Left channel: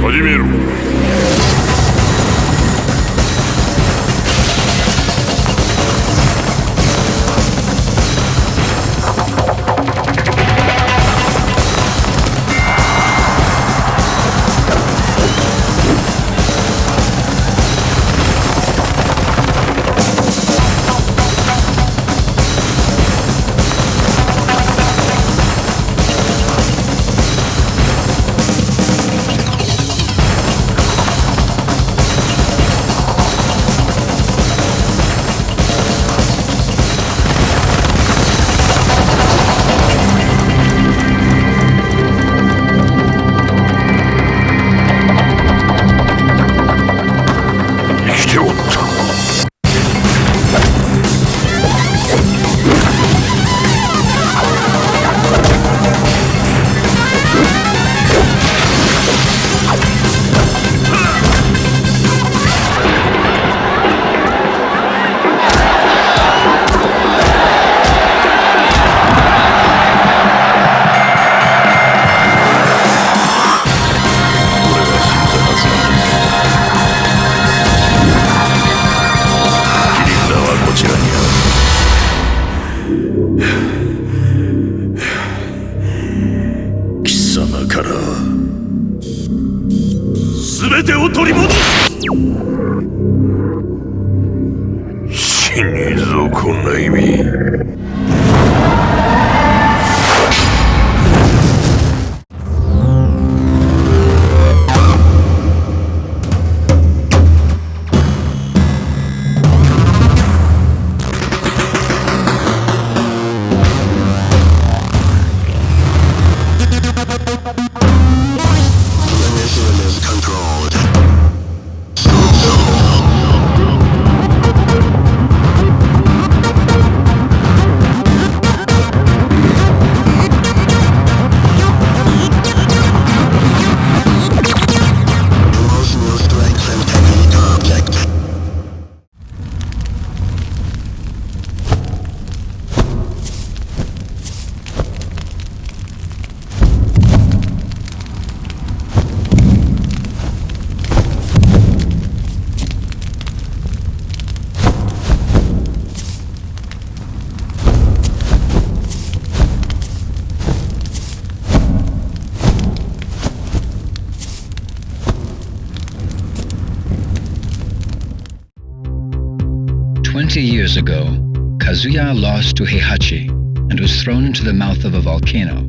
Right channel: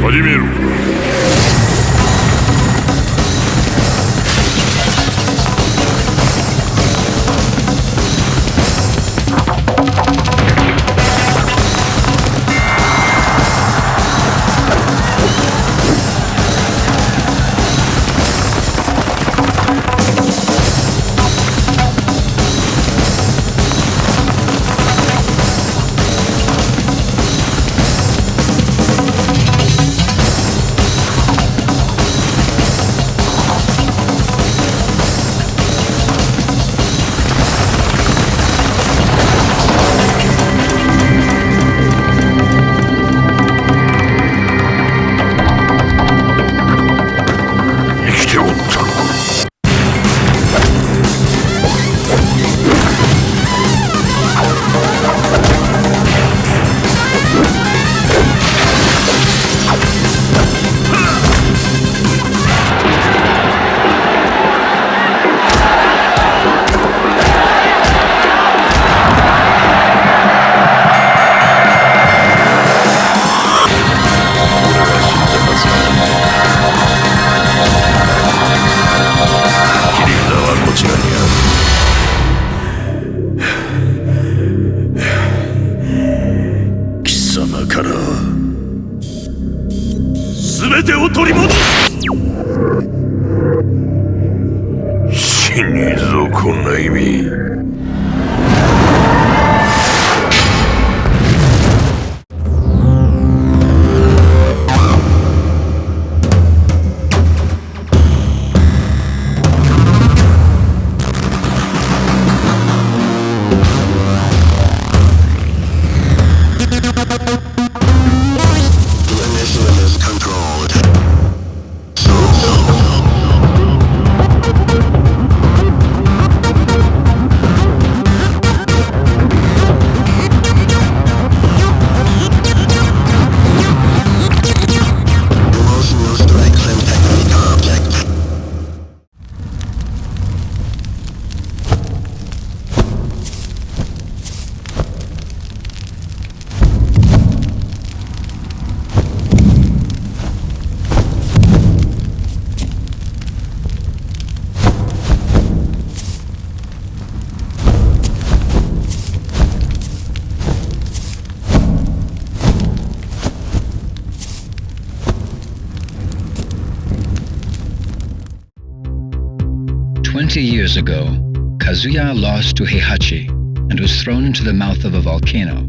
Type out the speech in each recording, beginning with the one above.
始めろ。全てを取り戻す。死にぞこんな意味。Years ago, Kazuya lost to Heihachi and was thrown into the mouth of a volcano.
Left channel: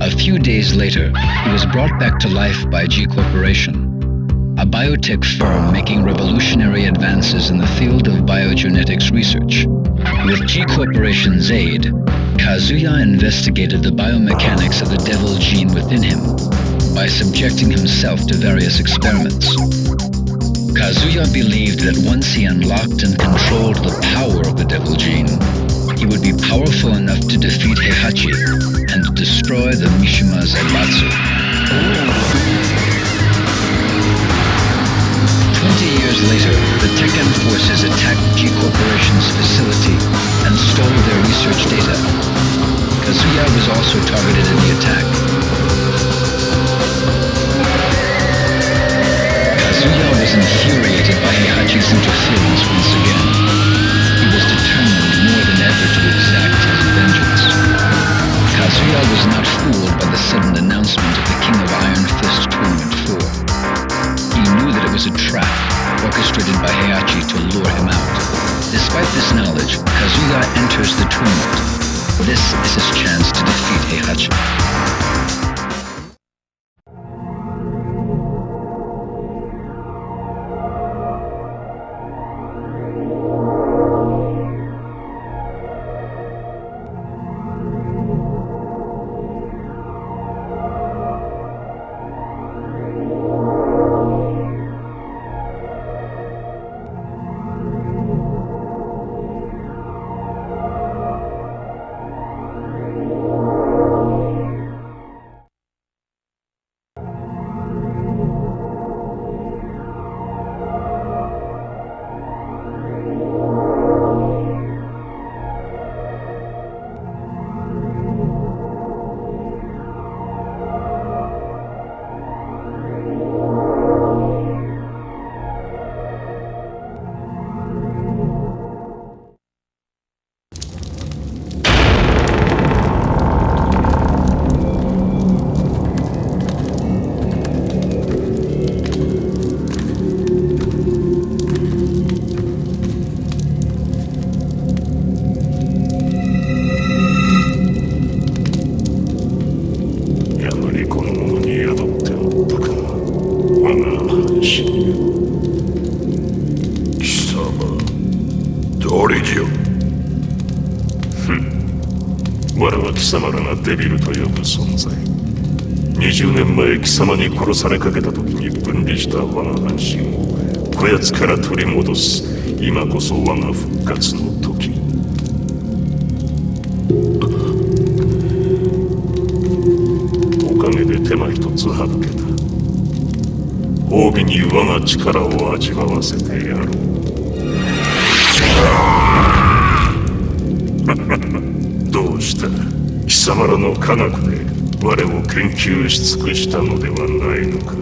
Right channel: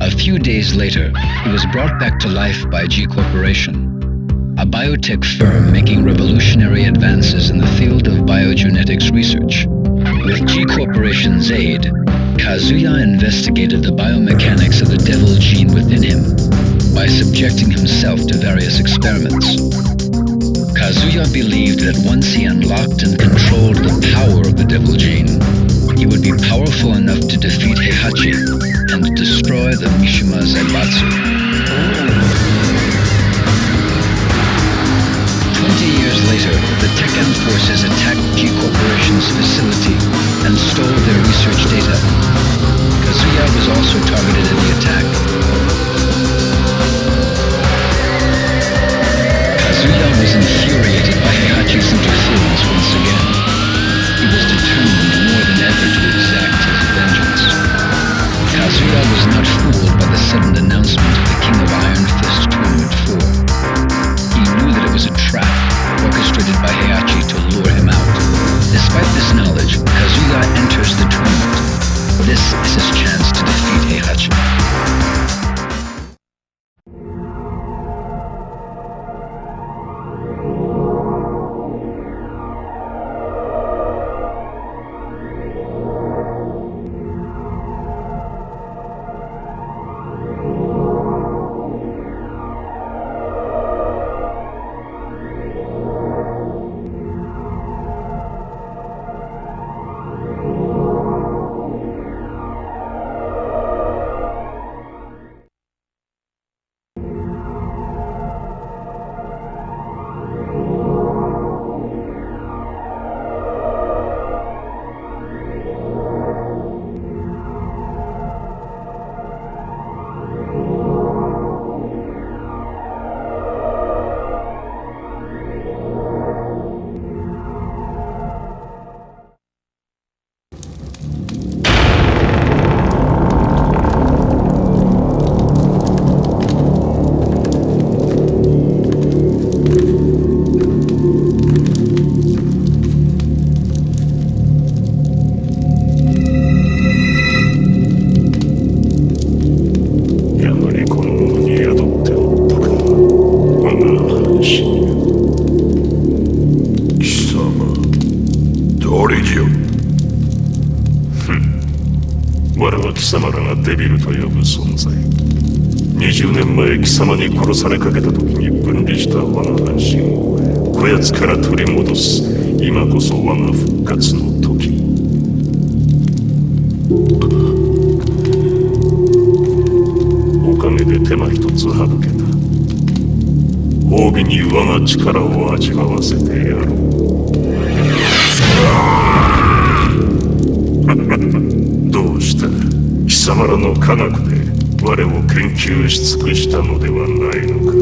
A few days later, he was brought back to life by G Corporation, a biotech firm making revolutionary advances in the field of biogenetics research. With G Corporation's aid, Kazuya investigated the biomechanics of the devil gene within him by subjecting himself to various experiments. Kazuya believed that once he unlocked and controlled the power of the devil gene, he would be powerful enough to defeat Heihachi and destroy the Mishima Zaibatsu. 20 years later, the Tekken forces attacked G Corporation's facility and stole their research data. Kazuya was also targeted in the attack. Kazuya was infuriated by Heihachi's interference once again. He was determined more than ever to exact his vengeance. Kazuya was not fooled by the sudden announcement of the King of Iron Fist Tournament 4. He knew that it was a trap orchestrated by Heihachi to lure him out. Despite this knowledge, Kazuya enters the tournament. This is his chance to defeat Heihachi. 死に貴様誰じゃ。我は貴様らがデビルと呼ぶ存在。20年前貴様に殺されかけた時に分離した我が半身をこやつから取り戻す。今こそ我が復活の時。おかげで手間一つ省けた。褒美に我が力を味わわせてやろう。どうした。貴様らの科学で我を研究し尽くしたのではないのか。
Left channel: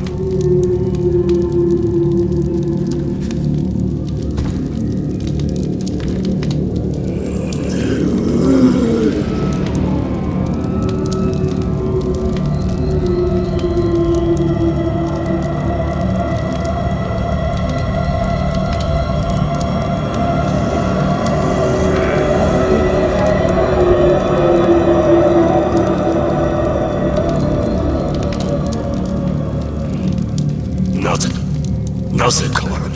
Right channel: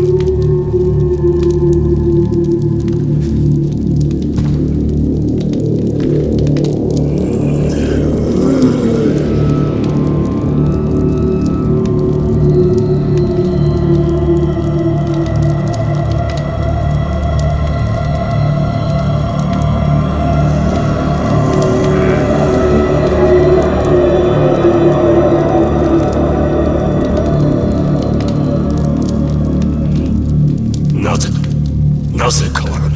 なぜ変わらぬ。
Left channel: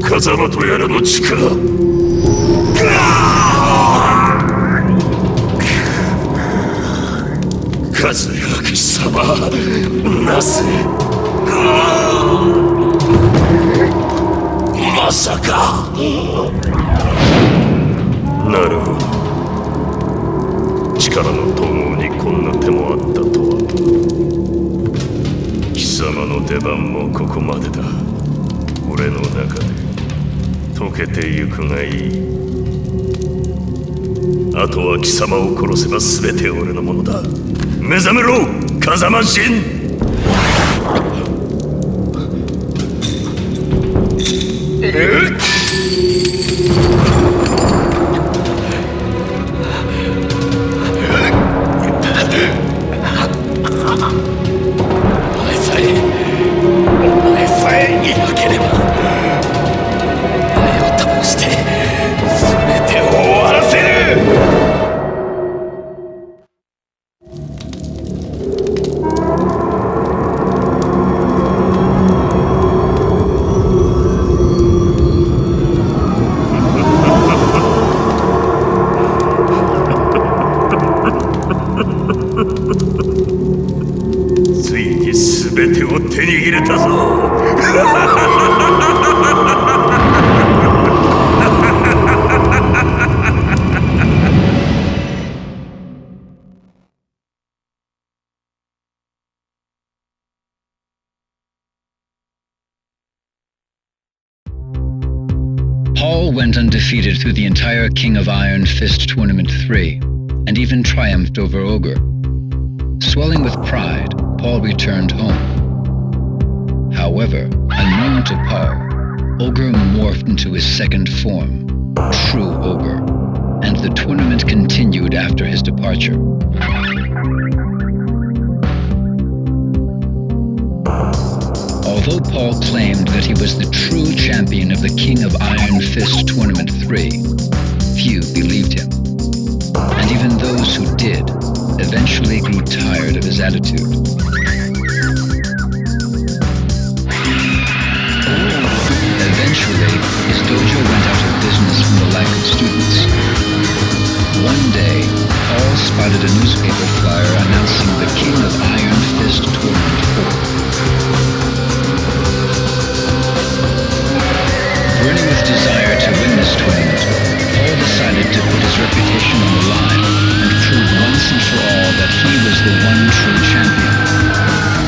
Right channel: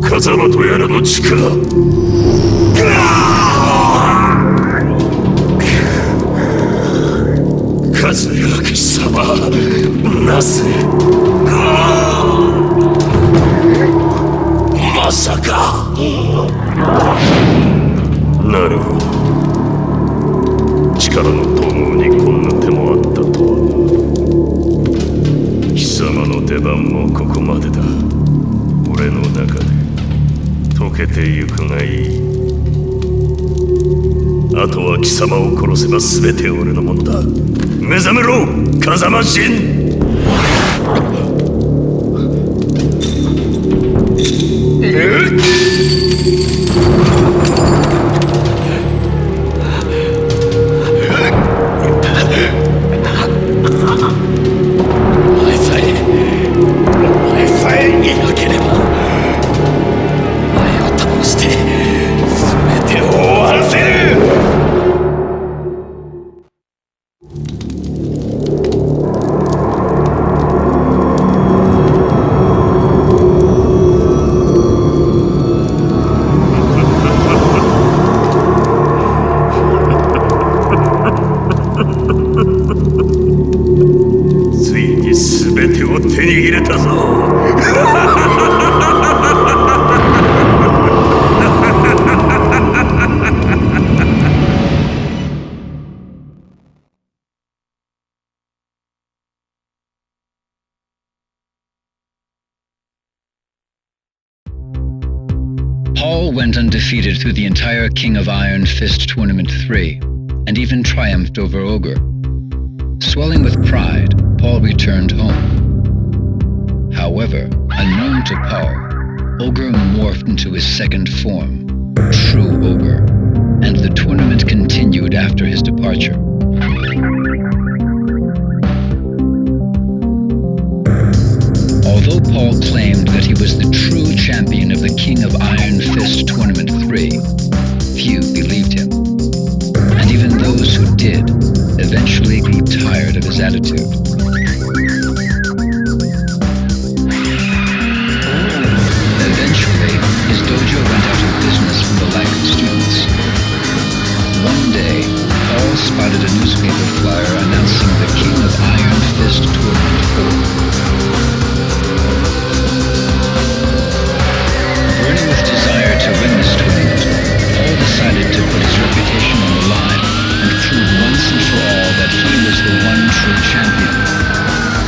風間とやらの力。和明様、なぜ。まさか。なるほど。力の統合にこんな手もあったとは。貴様の出番もここまでだ。俺の中で溶けてゆくがいい。あとは貴様を殺せば全て俺のものだ。目覚めろ、風間神。ついに全てを手に入れたぞ。Paul went undefeated through the entire King of Iron Fist Tournament 3, and even triumphed over Ogre. Swelling with pride, Paul returned home. However, unknown to Paul, Ogre morphed into his second form, True Ogre, and the tournament continued after his departure. Although Paul claimed that he was the true champion of the King of Iron Fist Tournament 3, few believed him. And even those who did eventually grew tired of his attitude. Eventually, his dojo went out of business from the lack of students. One day, Paul spotted a newspaper flyer announcing the King of Iron Fist Tournament 4. Burning with desire to win this tournament, Paul decided to put his reputation on the line and prove once and for all that he was the one true champion.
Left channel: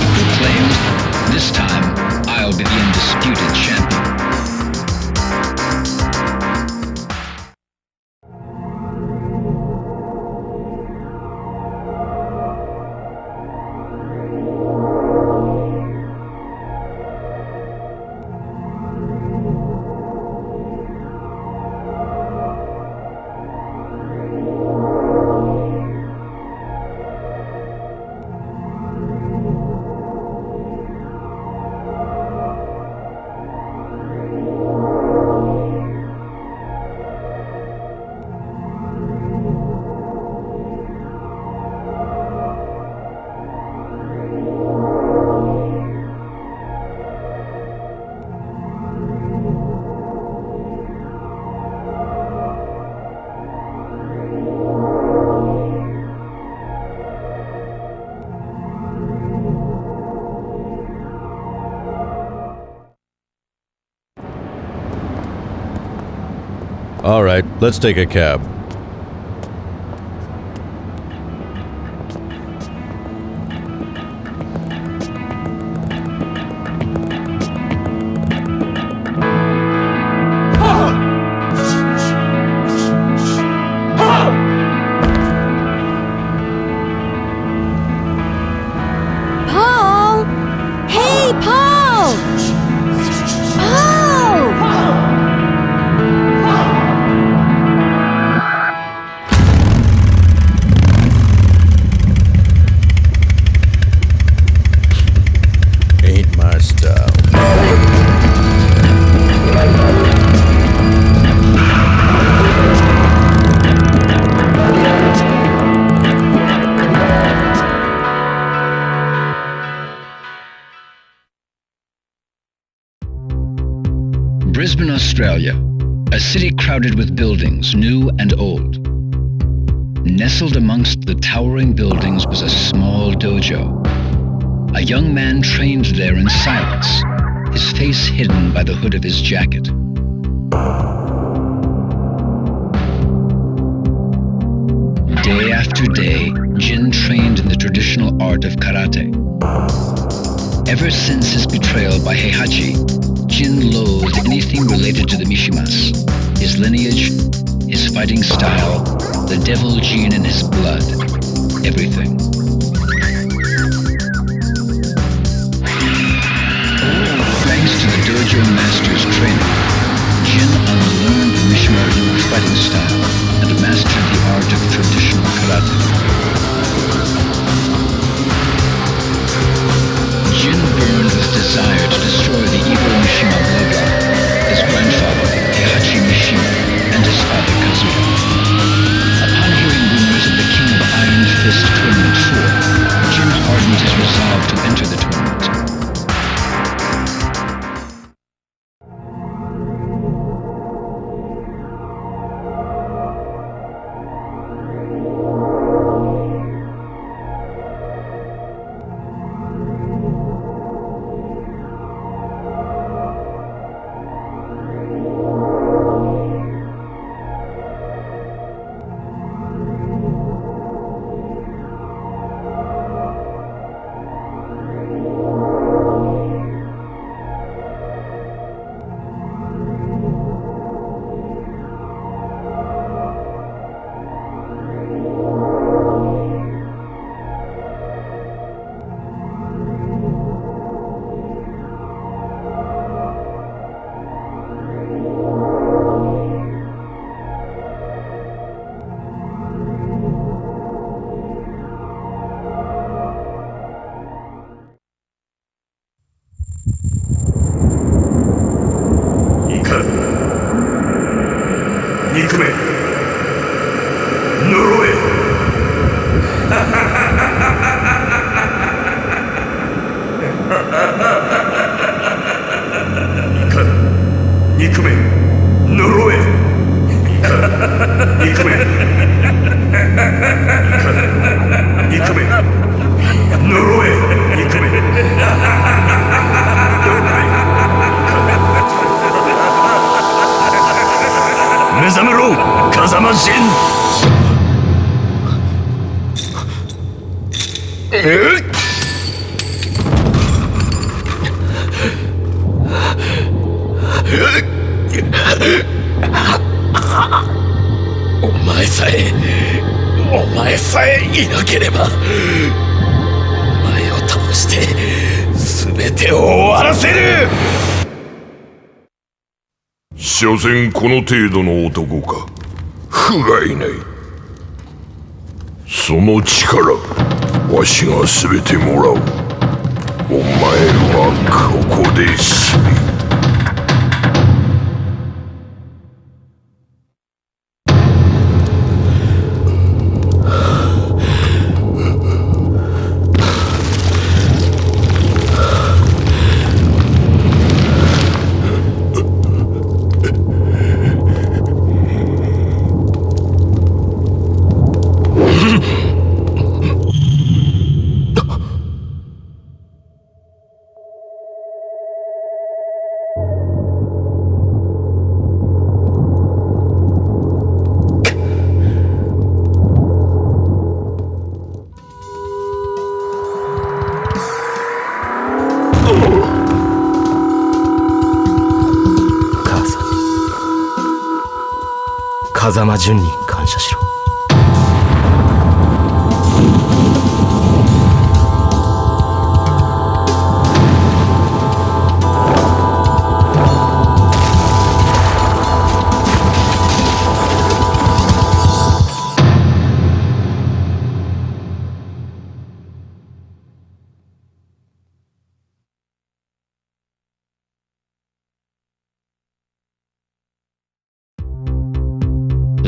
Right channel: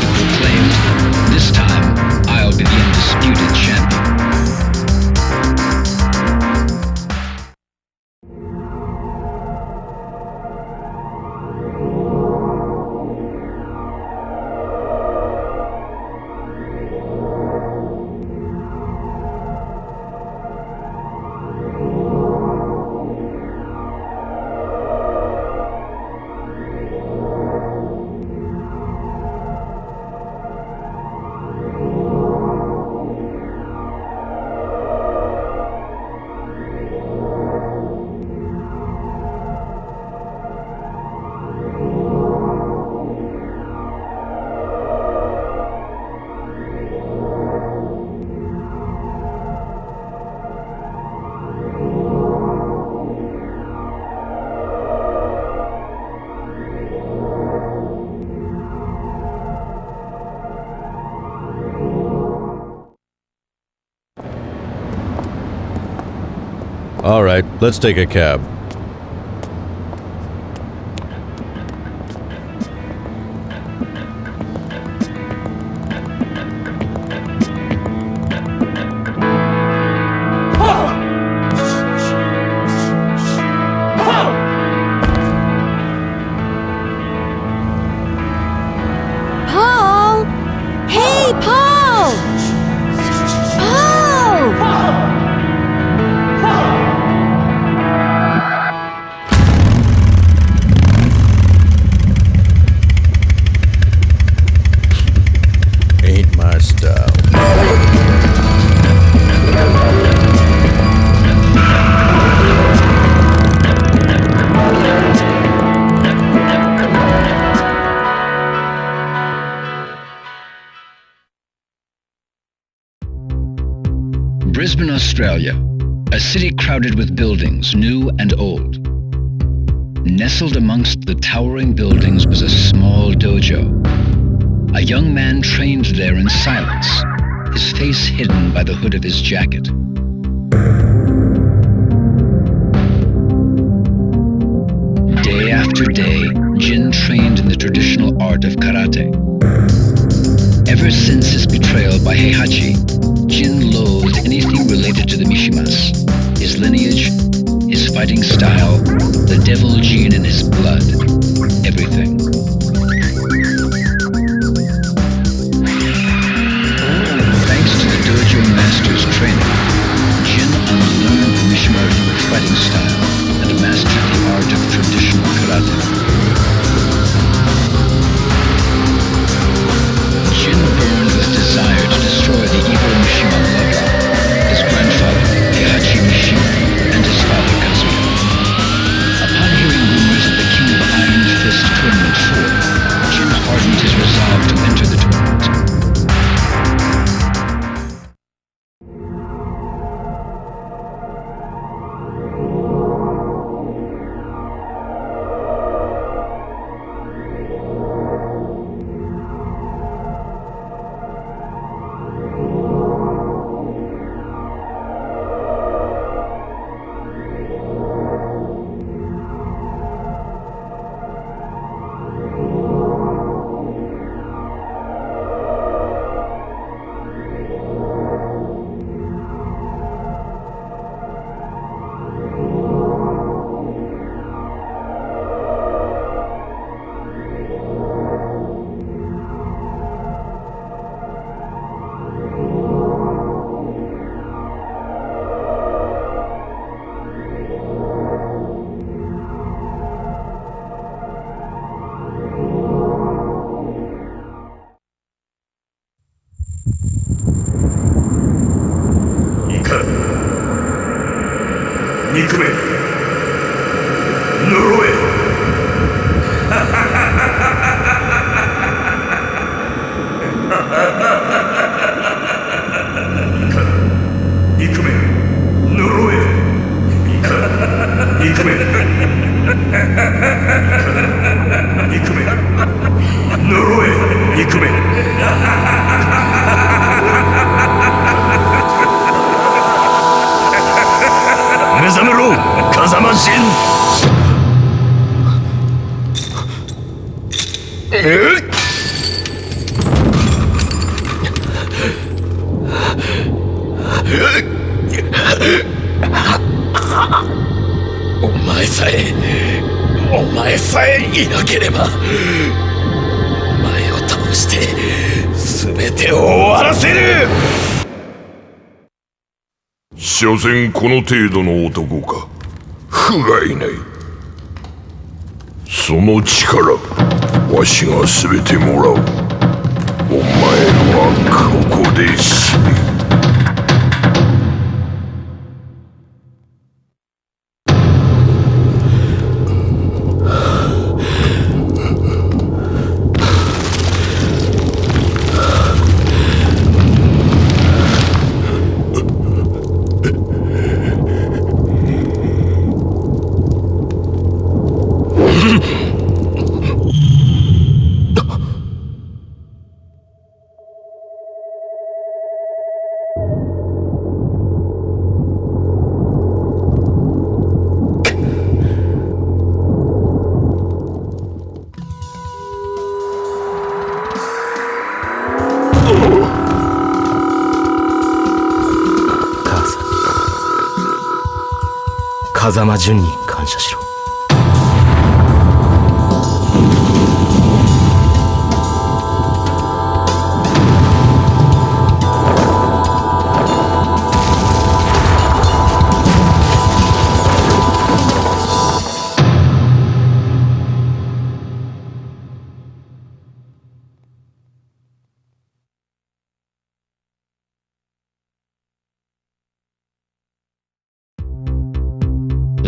He proclaimed, "This time, I'll be the undisputed champion." All right, let's take a cab. Paul! Hey, Paul! Paul! Ain't my style. Brisbane, Australia, a city crowded with buildings, new and old. Nestled amongst the towering buildings was a small dojo. A young man trained there in silence, his face hidden by the hood of his jacket. Day after day, Jin trained in the traditional art of karate. Ever since his betrayal by Heihachi, Jin loathed anything related to the Mishimas, his lineage, his fighting style, the devil gene in his blood, everything. Thanks to the dojo master's training, Jin unlearned the Mishima Ryu fighting style and mastered the art of traditional karate. Jin burned with desire to destroy the evil Mishima bloodline, his grandfather, Heihachi Mishima, and his father, Kazuya. Upon hearing rumors of the King of Iron Fist Tournament 4, Jin hardened his resolve to enter the tournament.憎め呪え怒る憎め呪え怒る憎め憎め呪え憎め目覚めろ風間陣お前さえいなければお前を倒して全てを終わらせる所詮この程度の男か不甲斐ないその力わしが全てもらうお前はここで死ね風間淳に感謝しろ。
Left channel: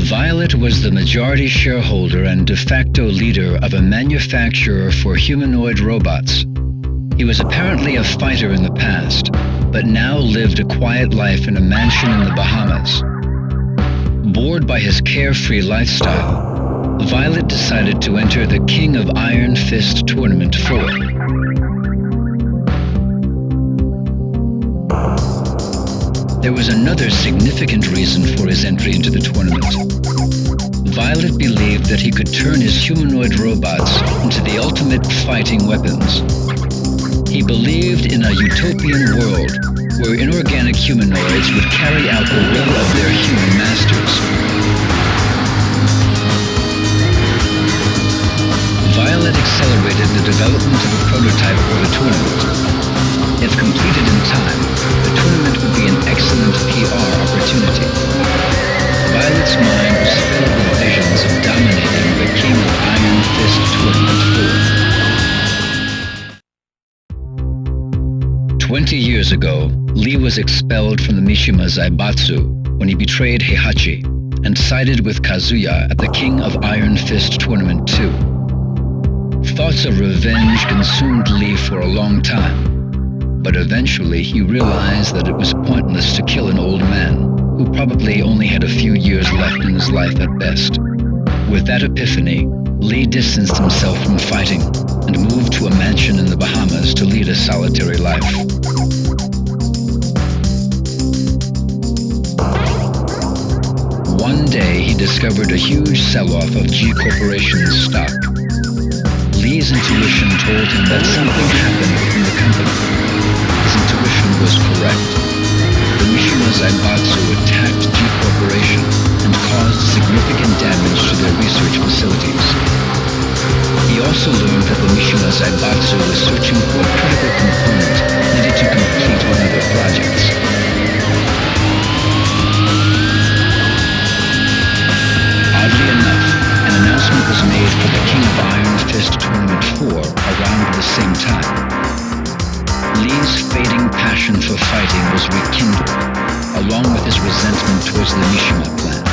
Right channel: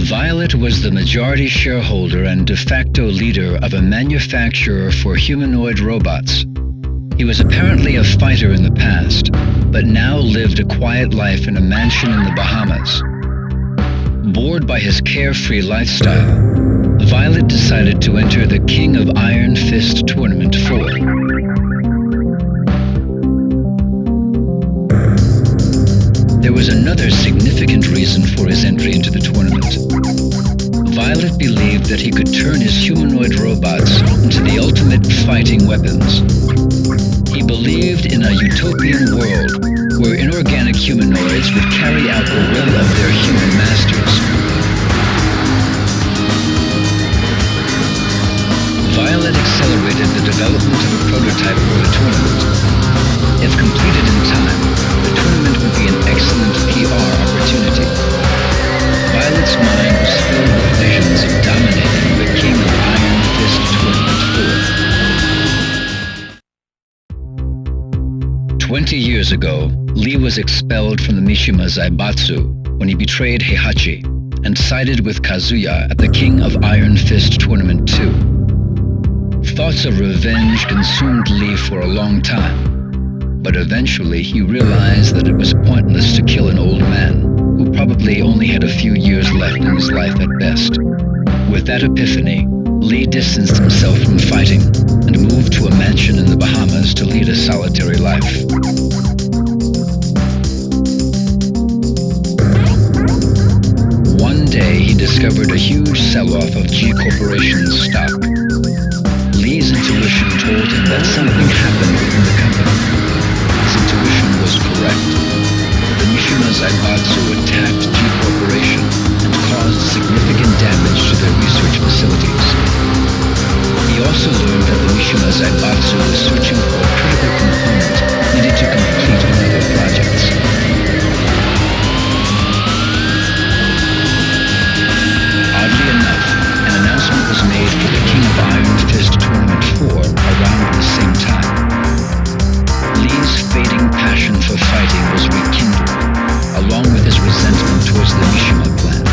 Violet was the majority shareholder and de facto leader of a manufacturer for humanoid robots. He was apparently a fighter in the past, but now lived a quiet life in a mansion in the Bahamas. Bored by his carefree lifestyle, Violet decided to enter the King of Iron Fist Tournament 4. There was another significant reason for his entry into the tournament. Violet believed that he could turn his humanoid robots into the ultimate fighting weapons. He believed in a utopian world where inorganic humanoids would carry out the will of their human masters. Violet accelerated the development of a prototype for the tournament. If completed in time, the tournament would be an excellent PR opportunity. Violet's mind was filled with visions of dominating the King of Iron Fist Tournament 4. 20 years ago, Lee was expelled from the Mishima Zaibatsu when he betrayed Heihachi and sided with Kazuya at the King of Iron Fist Tournament 2. Thoughts of revenge consumed Lee for a long time, but eventually he realized that it was pointless to kill an old man who probably only had a few years left in his life at best. With that epiphany, Lee distanced himself from fighting and moved to a mansion in the Bahamas to lead a solitary life. One day, he discovered a huge sell-off of G Corporation's stock. Lee's intuition told him that something happened within the company. His intuition was correct. The Mishima Zaibatsu attacked G Corporation and caused significant damage to their research facilities. He also learned that the Mishima Zaibatsu was searching for a critical component needed to complete one of their projects. Oddly enough, an announcement was made for the King of Iron Fist Tournament 4 around the same time. Lee's fading passion for fighting was rekindled, along with his resentment towards the Mishima clan.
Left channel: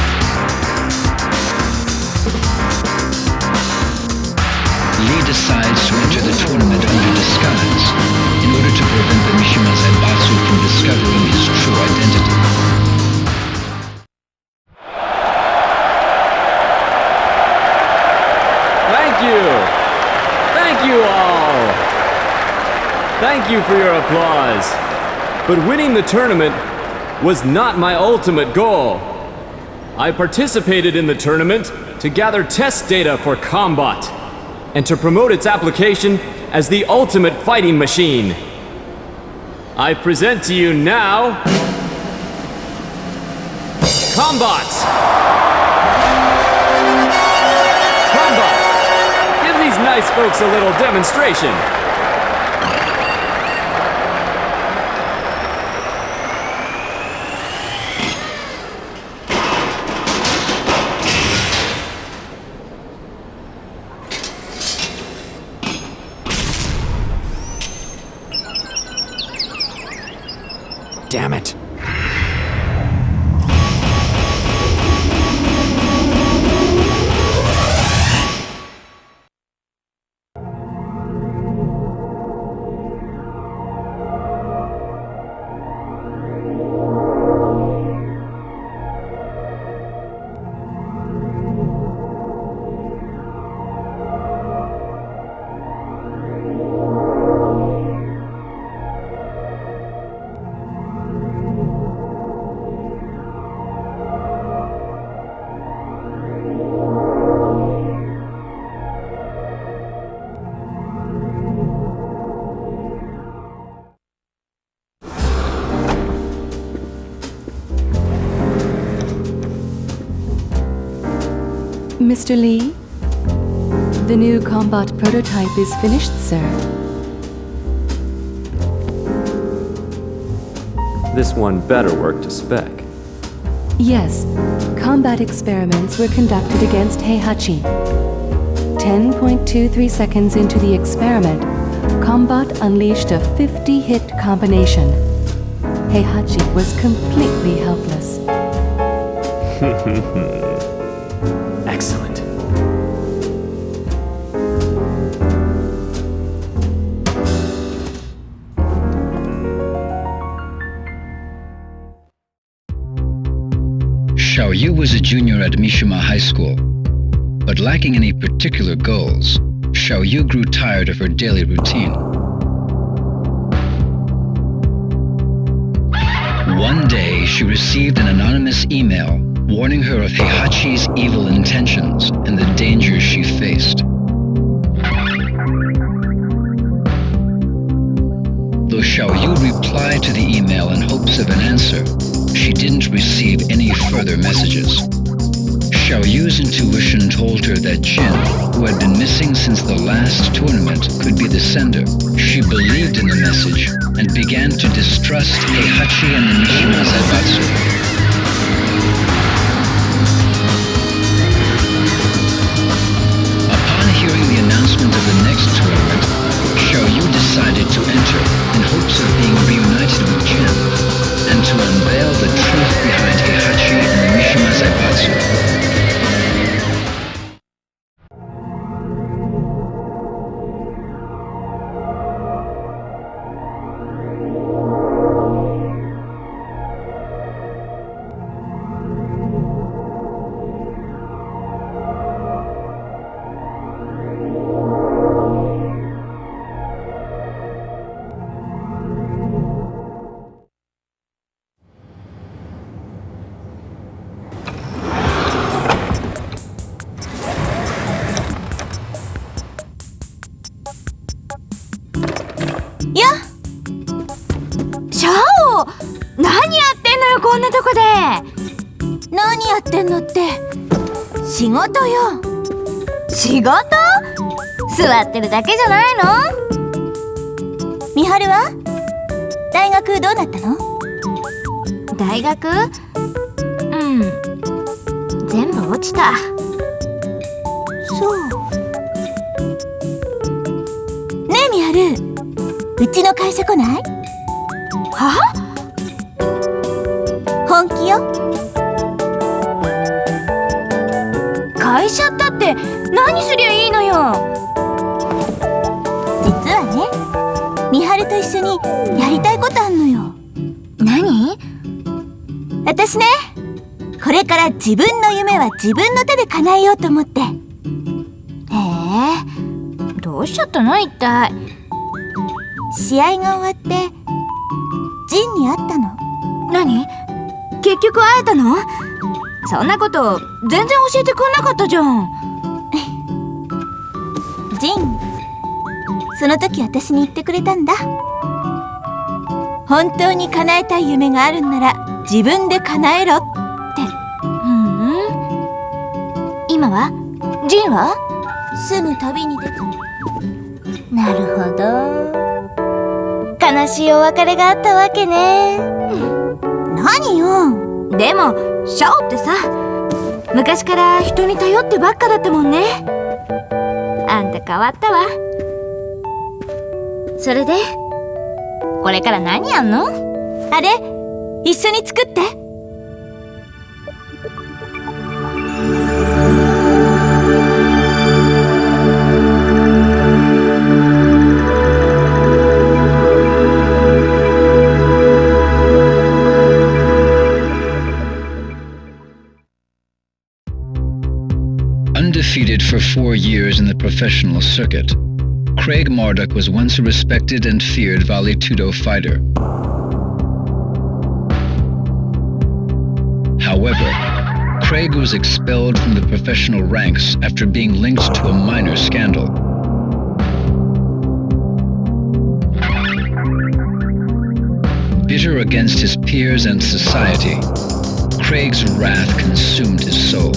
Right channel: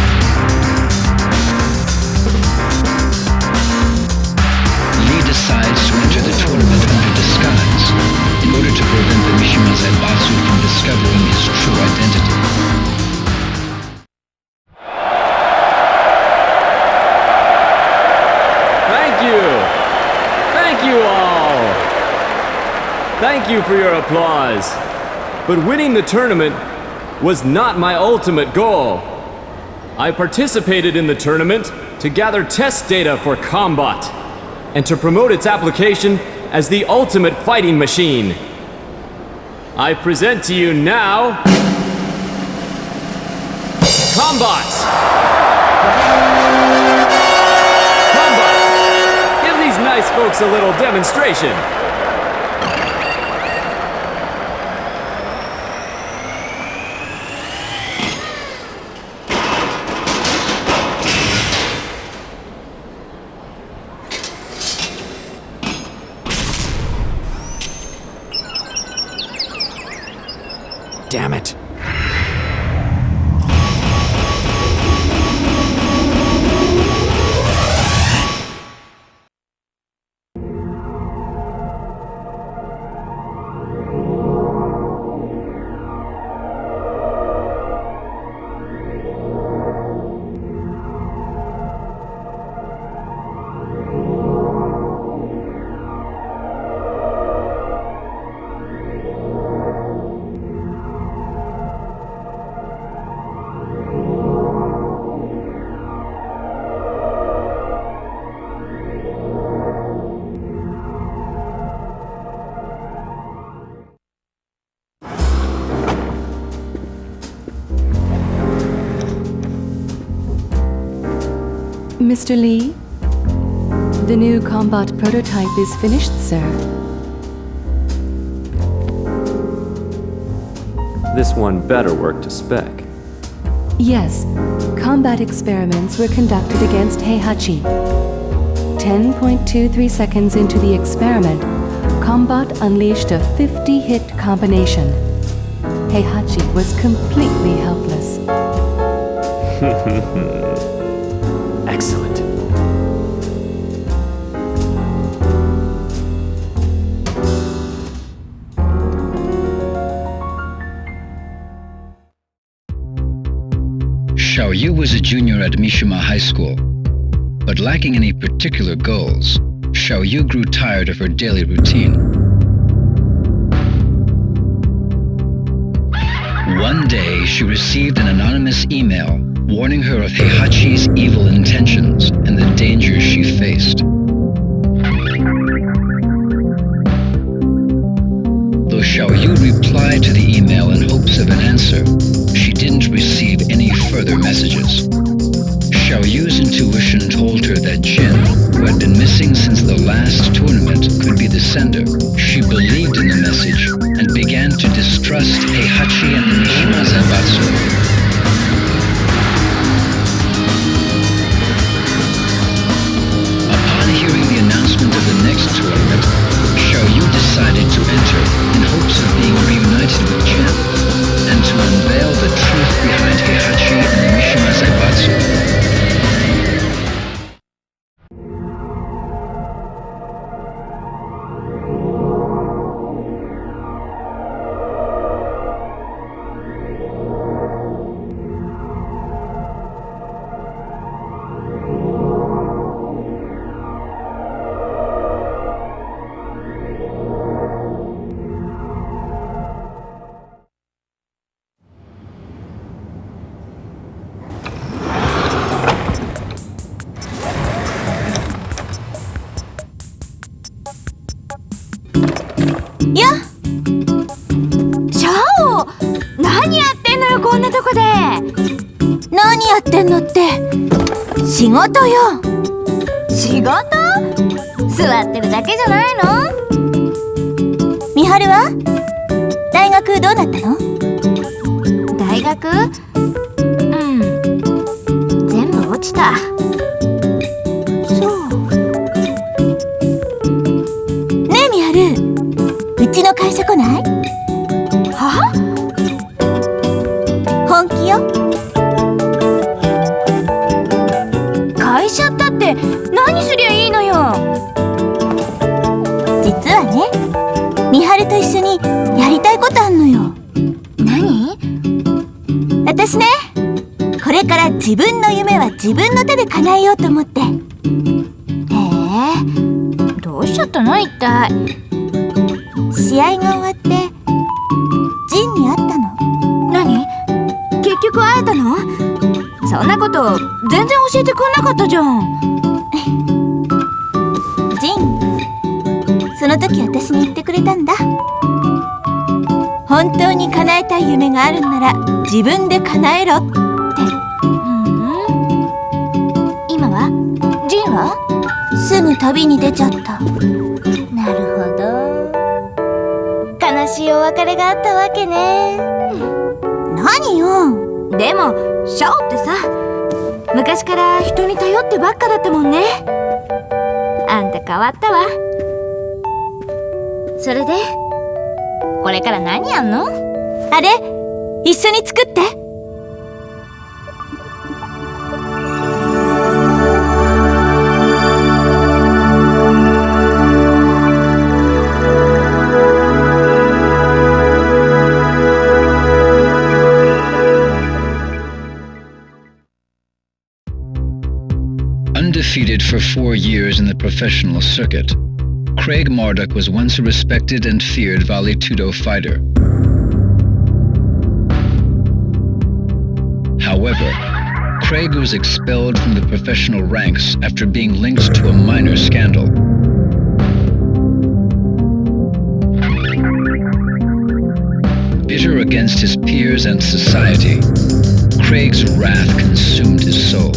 Lee decides to enter the tournament under disguise in order to prevent the Mishima Zaibatsu from discovering his true identity. Thank you! Thank you all! Thank you for your applause. But winning the tournament was not my ultimate goal. I participated in the tournament to gather test data for Combat and to promote its application as the ultimate fighting machine. I present to you now Combat! Combat! Give these nice folks a little demonstration. Damn it. Mr. Lee? The new combat prototype is finished, sir. This one better work to spec. Yes, combat experiments were conducted against Heihachi. 10.23 seconds into the experiment, Combat unleashed a 50-hit combination. Heihachi was completely helpless. Excellent. Xiaoyu was a junior at Mishima High School, but lacking any particular goals, Xiaoyu grew tired of her daily routine. One day, she received an anonymous email warning her of Heihachi's evil intentions and the dangers she faced. Though Xiaoyu replied to the email in hopes of an answer, she didn't receive any further messages. Xiaoyu's intuition told her that Jin, who had been missing since the last tournament, could be the sender. She believed in the message and began to distrust Heihachi and the Mishima Zaibatsu. Upon hearing the announcement of the next tournament, Xiaoyu decided to enter in hopes of being reunited with Jin and to unveil the truth behind Heihachi and the Mishima Zaibatsu.やっシャオ、何やってんのよ、こんなとこで。何やってんのって、仕事よ。仕事？座ってるだけじゃないの？みはるは？大学どうなったの？大学？全部落ちた。そう。ねえみはる、うちの会社来ない？は？本気よ。会社ったって何すりゃいいのよ。実はね、みはると一緒にやりたいことあんのよ。何？私ね、これから自分の夢は自分の手で叶えようと思って。どうしちゃったの一体。試合が終わってジンに会ったの。何？結局会えたの？そんなこと全然教えてくんなかったじゃん。ジン、その時私に言ってくれたんだ。本当に叶えたい夢があるんなら自分で叶えろって。今は？ジンは？すぐ旅に出ちゃった。なるほど。悲しいお別れがあったわけね。何よ。でもシャオってさ、昔から人に頼ってばっかだったもんね。あんた変わったわ。それでこれから何やんの？あれ、一緒に作って。Undefeated for 4 years in the professional circuit, Craig Marduk was once a respected and feared Vale Tudo fighter. However, Craig was expelled from the professional ranks after being linked to a minor scandal. Bitter against his peers and society, Craig's wrath consumed his soul.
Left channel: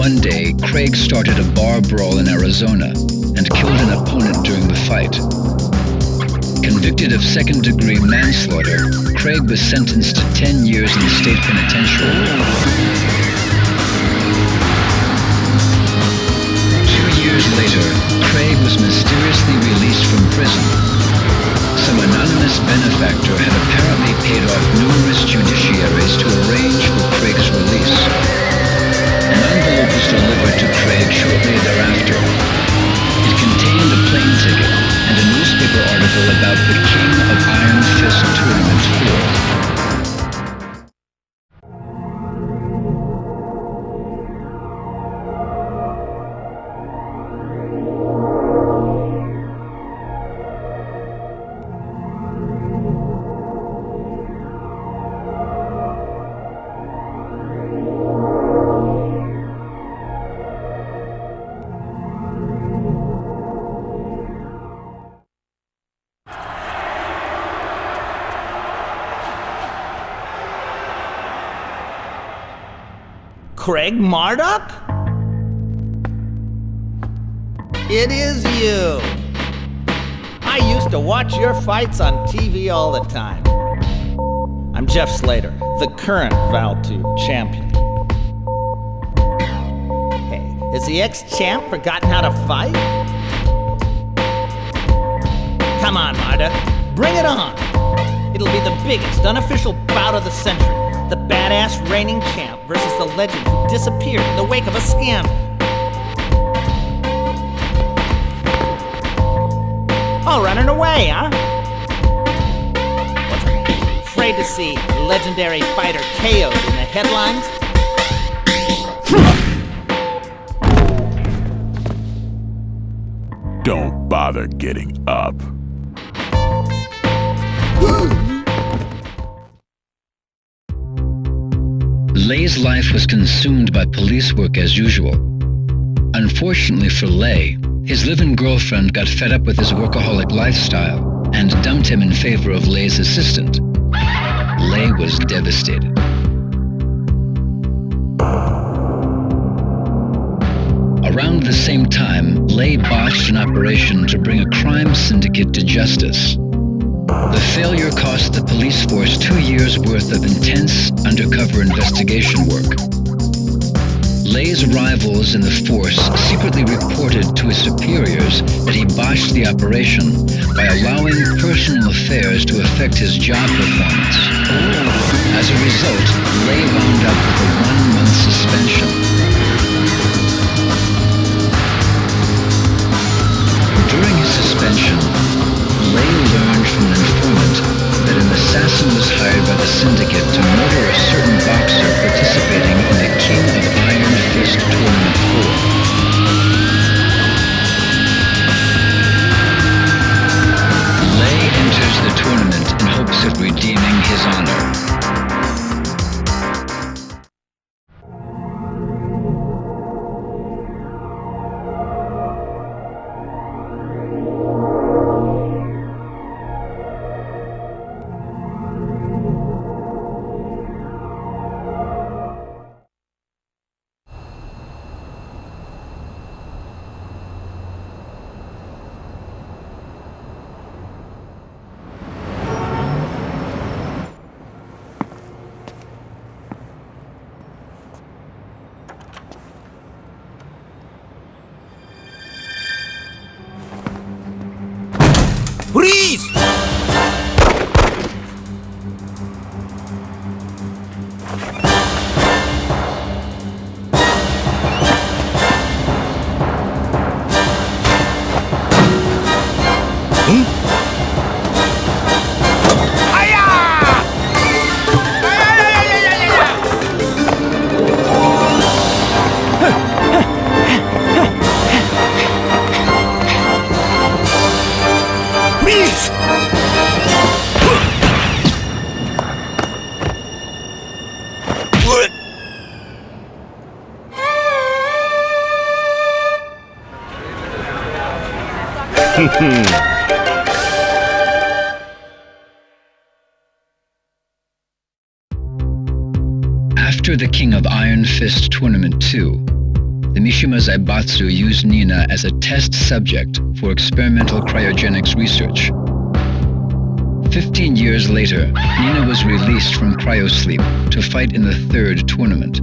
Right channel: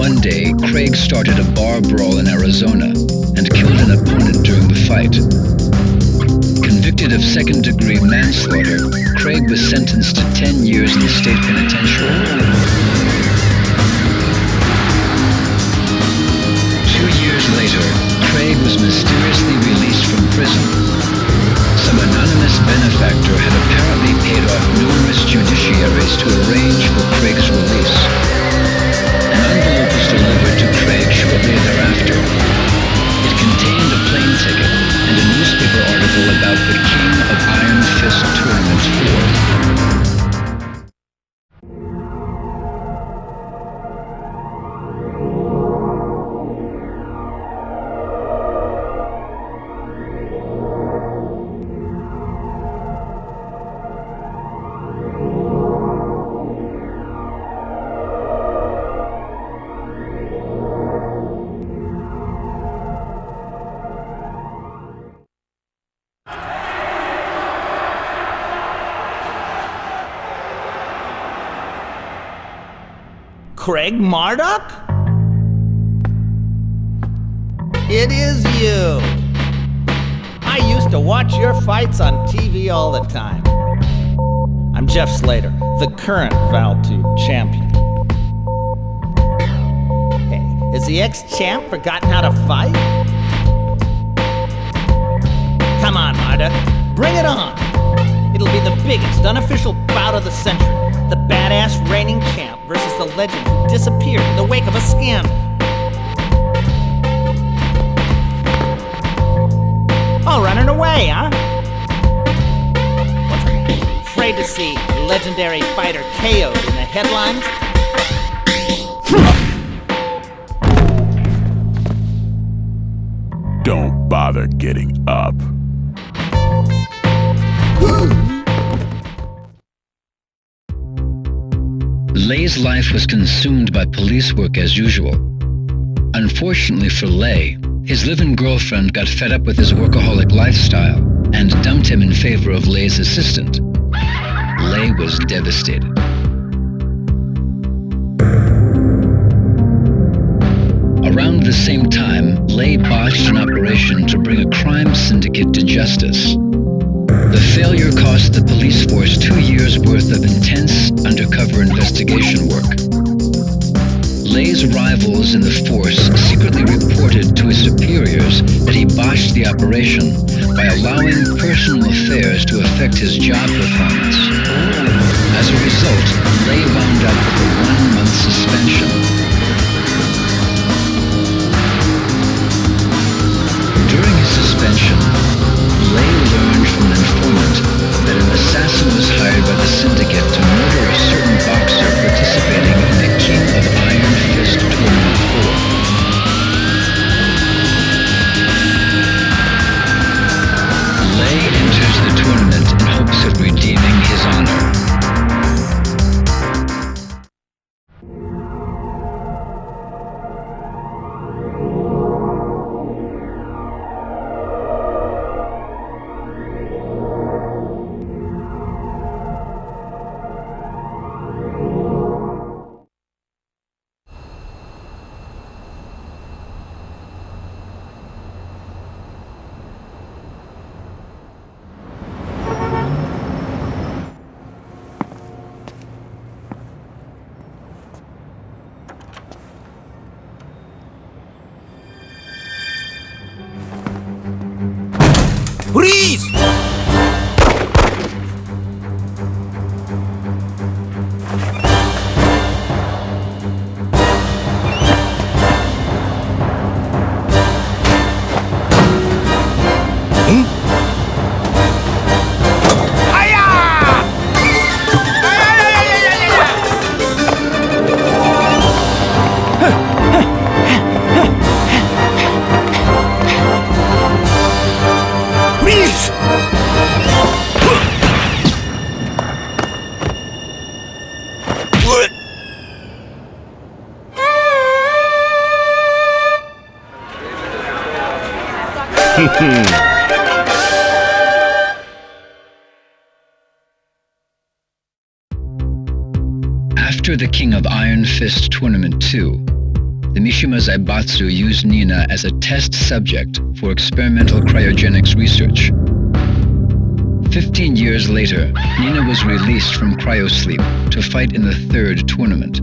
One day, Craig started a bar brawl in Arizona and killed an opponent during the fight. Convicted of second-degree manslaughter, Craig was sentenced to 10 years in the state penitentiary. 2 years later, Craig was mysteriously released from prison. Some anonymous benefactor had apparently paid off numerous judiciaries to arrange for Craig's release. An envelope was delivered to Craig shortly thereafter. It contained a plane ticket and a newspaper article about the King of Iron Fist Tournament 4. Craig Marduk? It is you. I used to watch your fights on TV all the time. I'm Jeff Slater, the current Val2 champion. Hey, has the ex-champ forgotten how to fight? Come on, Marduk, bring it on. It'll be the biggest unofficial bout of the century. The badass reigning champ versus the legend who disappeared in the wake of a scandal. All running away, huh? What's that? Afraid to see legendary fighter KO'd in the headlines? Don't bother getting up. Lei's life was consumed by police work as usual. Unfortunately for Lei, his live-in girlfriend got fed up with his workaholic lifestyle and dumped him in favor of Lei's assistant. Lei was devastated. Around the same time, Lei botched an operation to bring a crime syndicate to justice. The failure cost the police force 2 years' worth of intense undercover investigation work. Lei's rivals in the force secretly reported to his superiors that he botched the operation by allowing personal affairs to affect his job performance. As a result, Lei wound up with a 1-month suspension. During his suspension, Lei learned from an informant that an assassin was hired by the syndicate to murder a certain boxer participating in the King of Iron Fist Tournament 4. Lei enters the tournament in hopes of redeeming his honor. Freeze! After the King of Iron Fist Tournament 2, the Mishima Zaibatsu used Nina as a test subject for experimental cryogenics research. 15 years later, Nina was released from cryosleep to fight in the third tournament.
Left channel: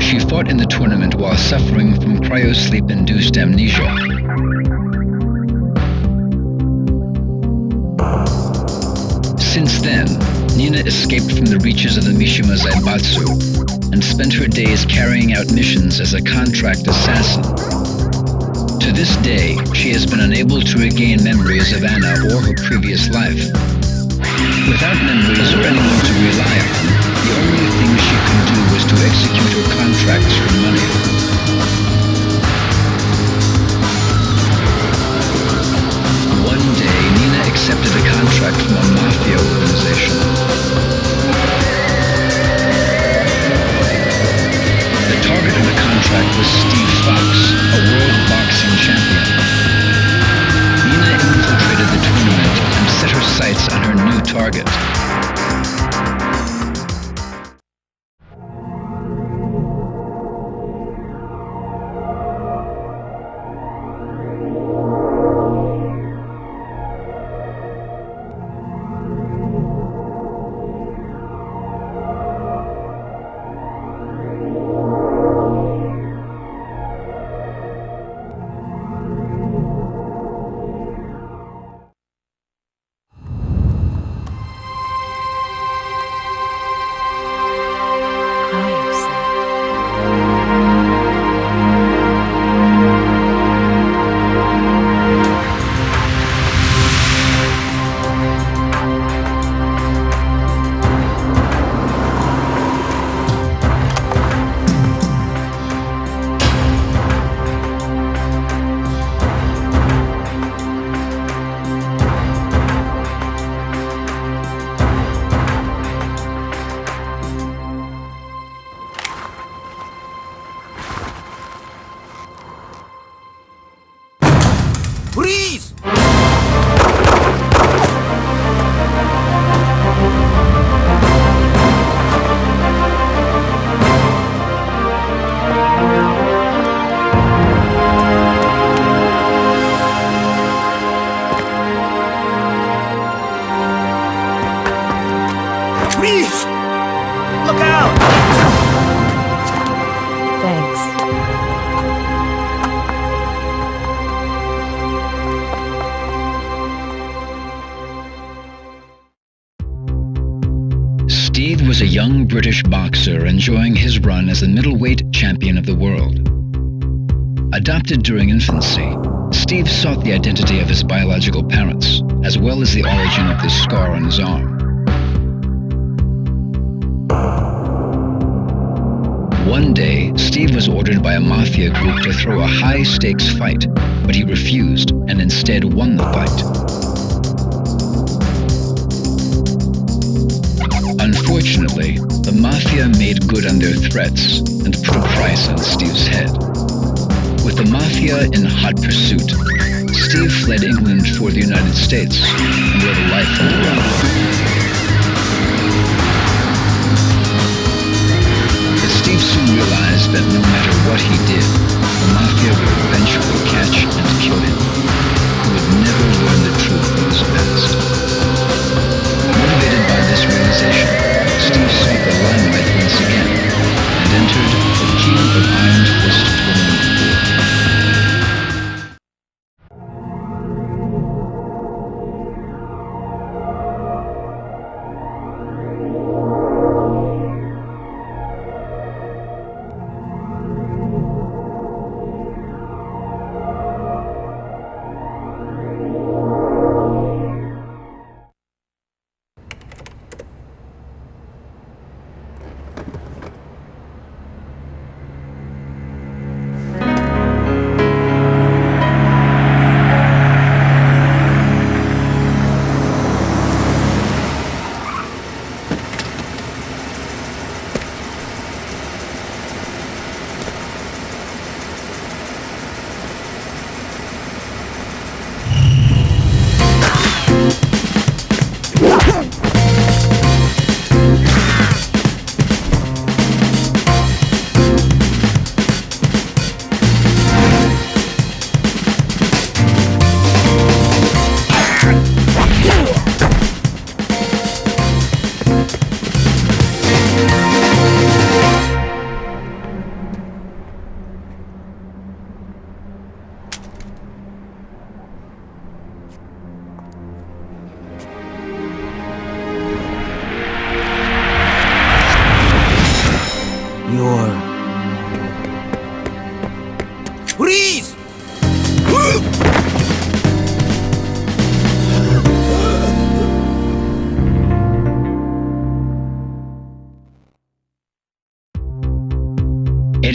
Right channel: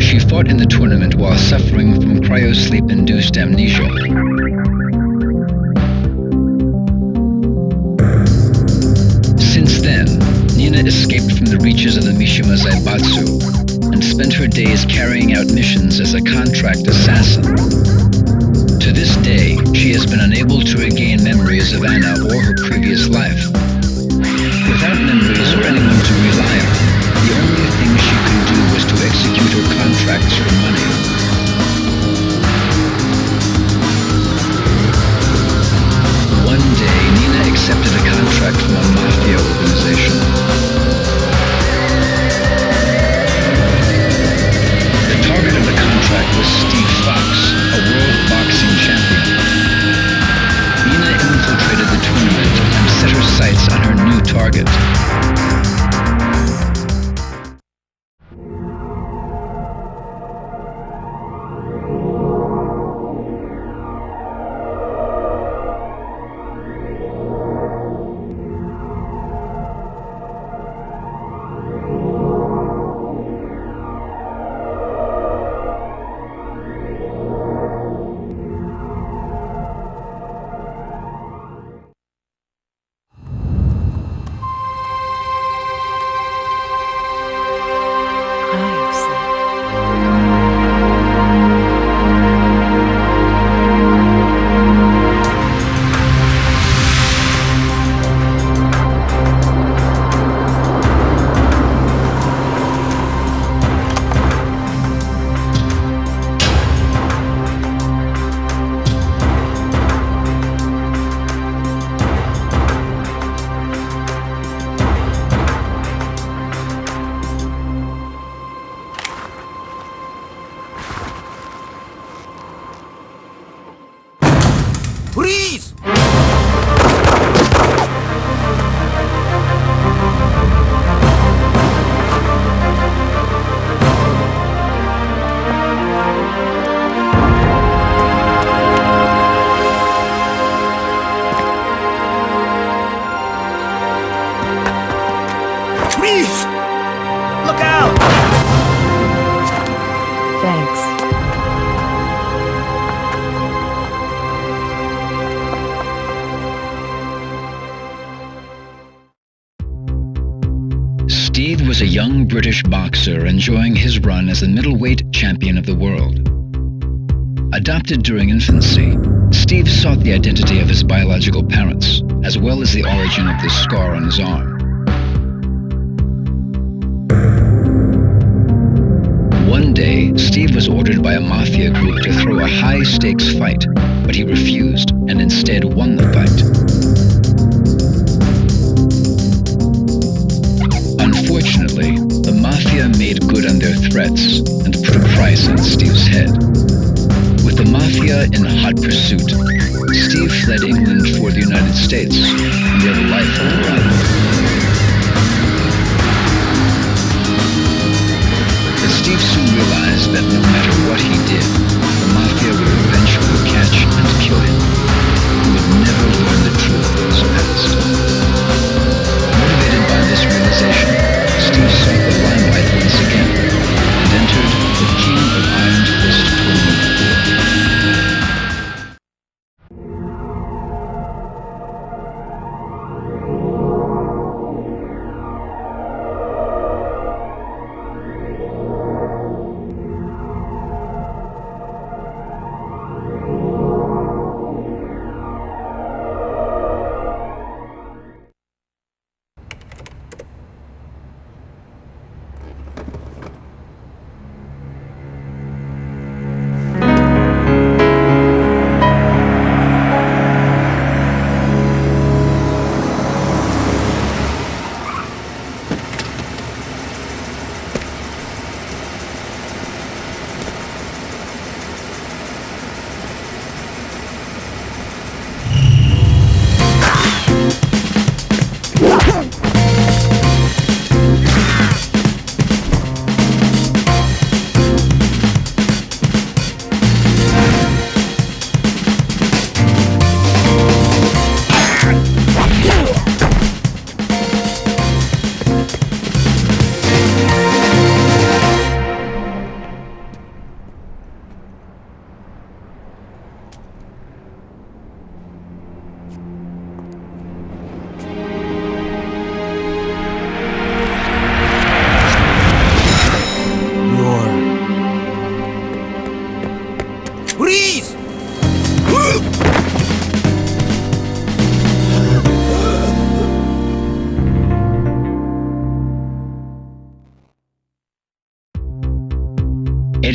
She fought in the tournament while suffering from cryosleep-induced amnesia. Since then, Nina escaped from the reaches of the Mishima Zaibatsu and spent her days carrying out missions as a contract assassin. To this day, she has been unable to regain memories of Anna or her previous life. Without memories or anyone to rely on, the only thing she could do was to execute her contracts for money. One day, Nina accepted a contract from a mafia organization. The target of the contract was Steve Fox, a world boxing champion. Nina infiltrated the tournament and set her sights on her new target. Freeze! Freeze! Look out! Thanks. Steve was a young British boxer enjoying his run as the middleweight champion of the world. Adopted during infancy, Steve sought the identity of his biological parents, as well as the origin of the scar on his arm. One day, Steve was ordered by a mafia group to throw a high-stakes fight, but he refused and instead won the fight. Unfortunately, the mafia made good on their threats and put a price on Steve's head. With the mafia in hot pursuit, Steve fled England for the United States and lived a life on the run. But Steve soon realized that no matter what he did, the mafia would eventually catch and kill him. He would never learn the truth of his past. Motivated by this realization, Steve sought the limelight once again and entered the King of Iron Fist Tournament 4.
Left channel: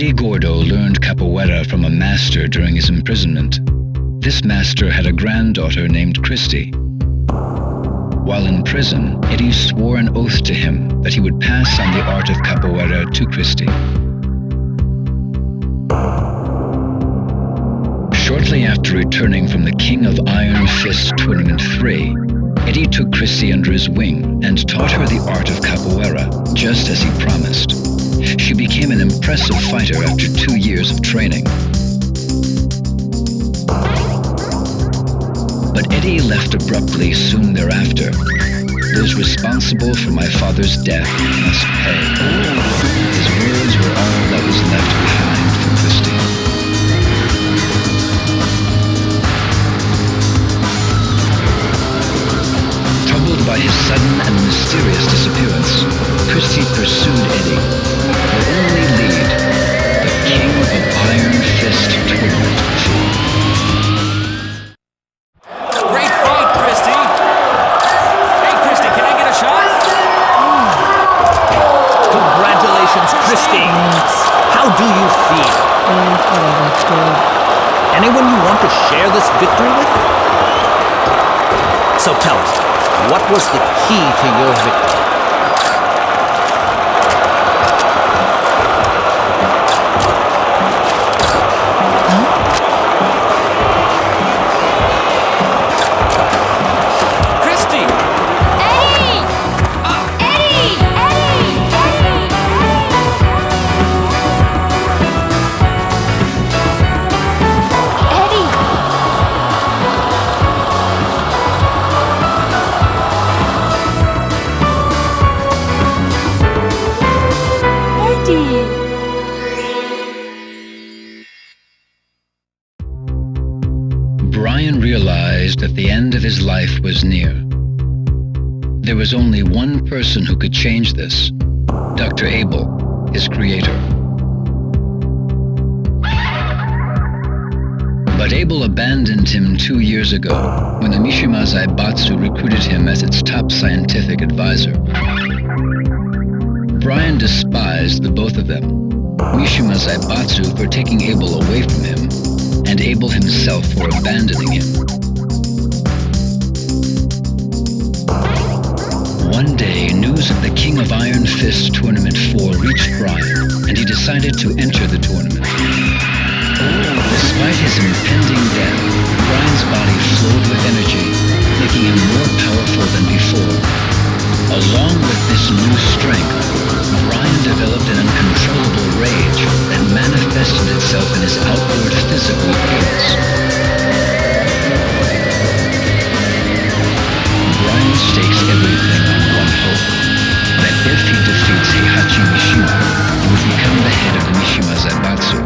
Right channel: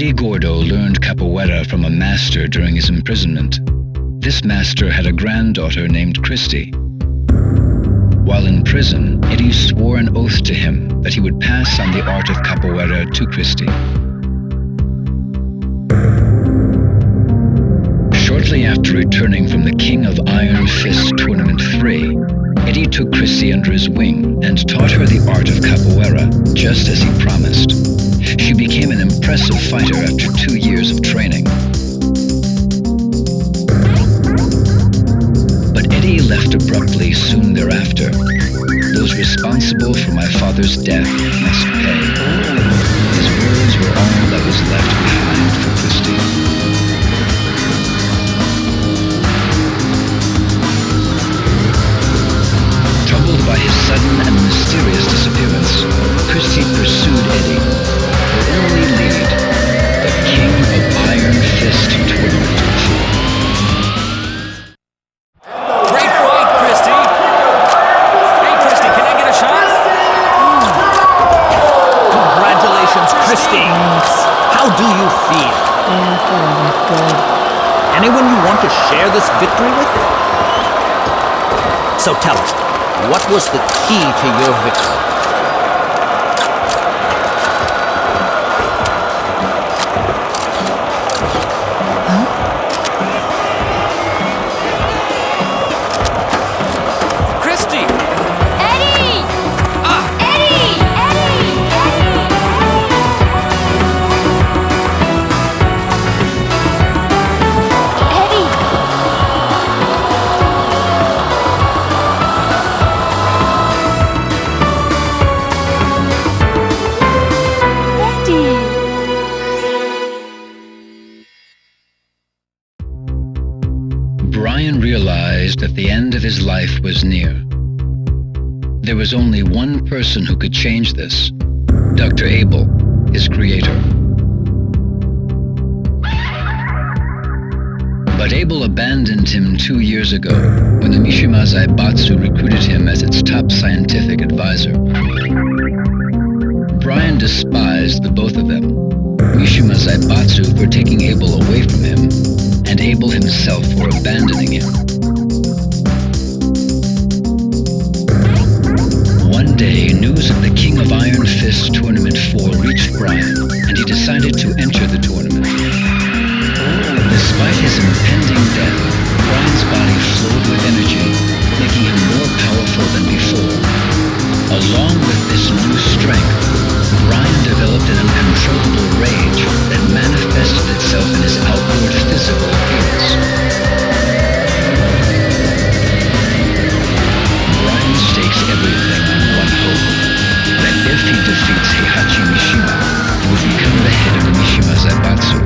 Eddie Gordo learned capoeira from a master during his imprisonment. This master had a granddaughter named Christy. While in prison, Eddie swore an oath to him that he would pass on the art of capoeira to Christy. Shortly after returning from the King of Iron Fist Tournament 3, Eddie took Christy under his wing and taught her the art of capoeira, just as he promised. She became an impressive fighter after 2 years of training. But Eddie left abruptly soon thereafter. Those responsible for my father's death must pay. His words were all that was left behind for Christy. Troubled by his sudden and mysterious disappearance, Christy pursued Eddie. Her only lead, the King of Iron Fist Tournament 4. Great fight, Christy! Hey, Christy, can I get a shot? Congratulations, Christy. How do you feel? Whatever, good. Anyone you want to share this victory with? So tell us, what was the key to your victory? Christy! Eddie! Eddie! Eddie! Eddie! Brian realized that the end of his life was near. There was only one person who could change this, Dr. Abel, his creator. But Abel abandoned him 2 years ago when the Mishima Zaibatsu recruited him as its top scientific advisor. Brian despised the both of them, Mishima Zaibatsu for taking Abel away from him, and Abel himself for abandoning him. One day, news of the King of Iron Fist Tournament 4 reached Brian, and he decided to enter the tournament. Despite his impending death, Brian's body flowed with energy, making him more powerful than before. Along with this new strength, Brian developed an uncontrollable rage that manifested itself in his outward physical appearance. Brian stakes everything on one hope, that if he defeats Heihachi Mishima, he would become the head of the Mishima Zaibatsu.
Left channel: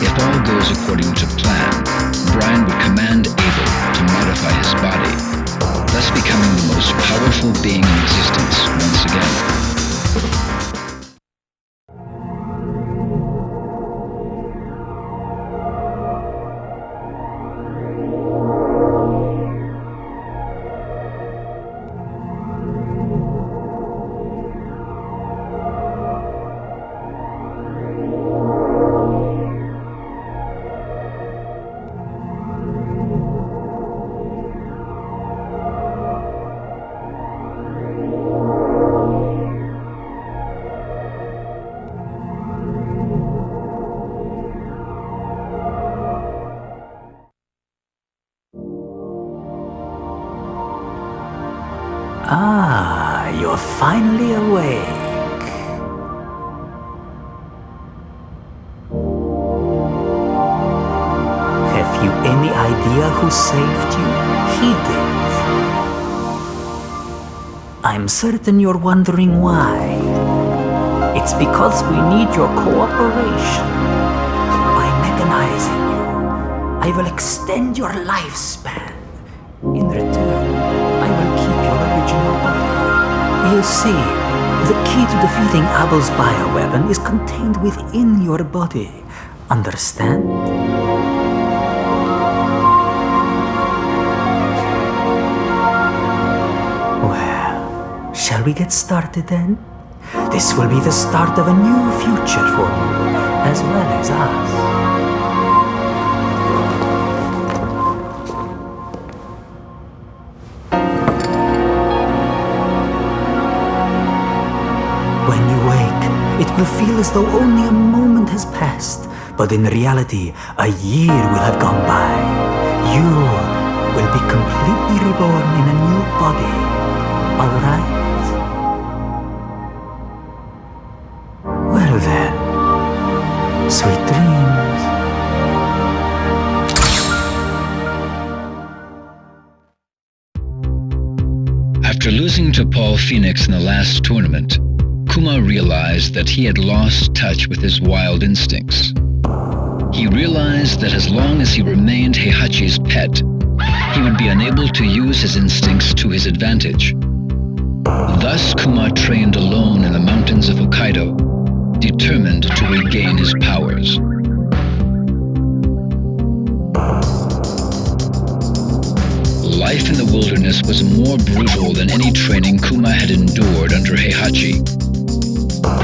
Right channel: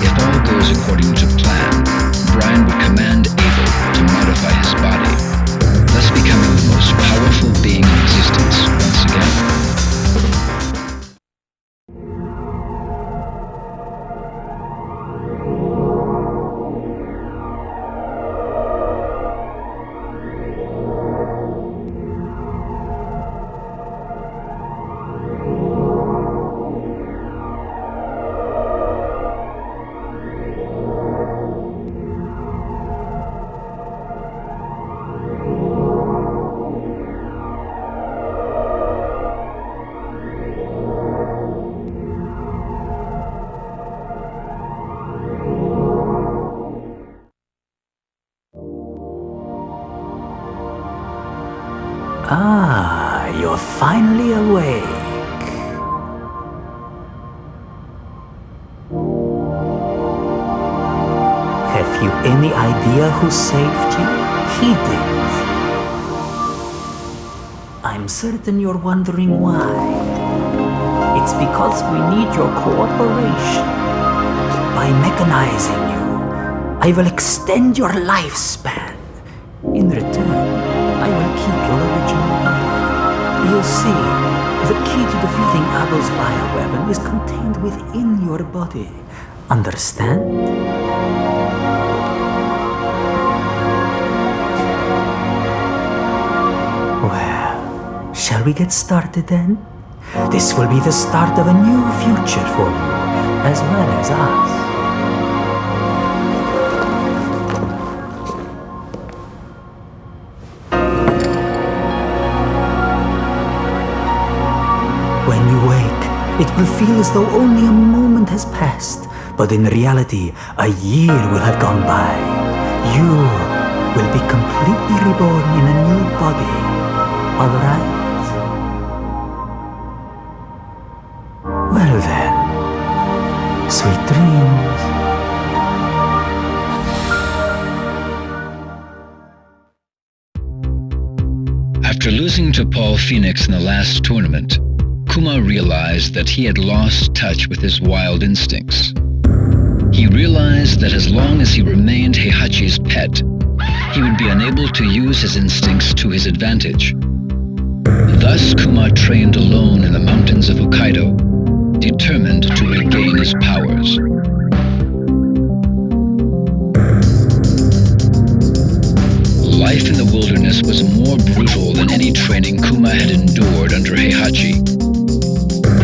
If all goes according to plan, Brian would command Abel to modify his body, thus becoming the most powerful being in existence once again. Ah, you're finally awake. Have you any idea who saved you? He did. I'm certain you're wondering why. It's because we need your cooperation. By mechanizing you, I will extend your lifespan. In return, I will keep your original body. You see, the key to defeating Abel's bioweapon is contained within your body. Understand? Well, shall we get started then? This will be the start of a new future for you, as well as us. When you wake, it will feel as though only a moment has passed, but in reality, a year will have gone by. You will be completely reborn in a new body, all right? Well then, sweet dreams. After losing to Paul Phoenix in the last tournament, Kuma realized that he had lost touch with his wild instincts. He realized that as long as he remained Heihachi's pet, he would be unable to use his instincts to his advantage. Thus, Kuma trained alone in the mountains of Hokkaido, determined to regain his powers. Life in the wilderness was more brutal than any training Kuma had endured under Heihachi.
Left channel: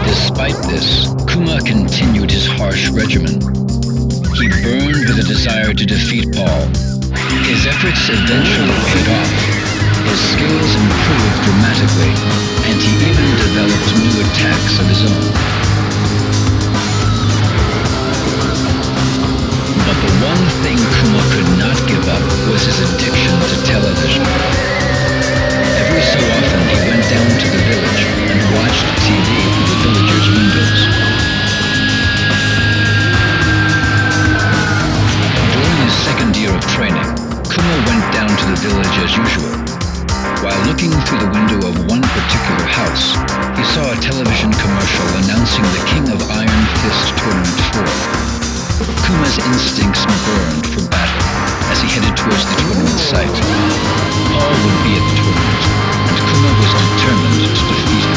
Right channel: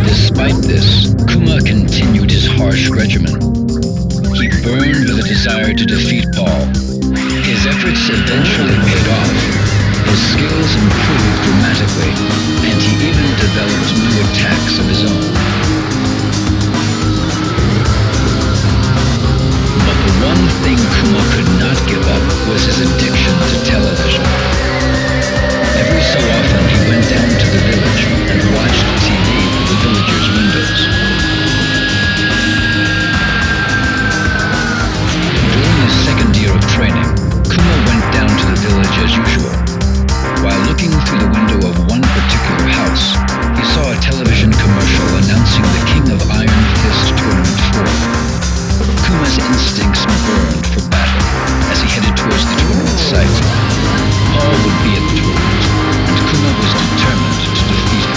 Despite this, Kuma continued his harsh regimen. He burned with a desire to defeat Paul. His efforts eventually paid off. His skills improved dramatically, and he even developed new attacks of his own. But the one thing Kuma could not give up was his addiction to television. Every so often he went down to the village and watched TV through the villagers' windows. During his second year of training, Kuma went down to the village as usual. While looking through the window of one particular house, he saw a television commercial announcing the King of Iron Fist Tournament 4. Kuma's instincts burned for battle as he headed towards the tournament site. Paul would be at the tournament, and Kuma was determined to defeat him.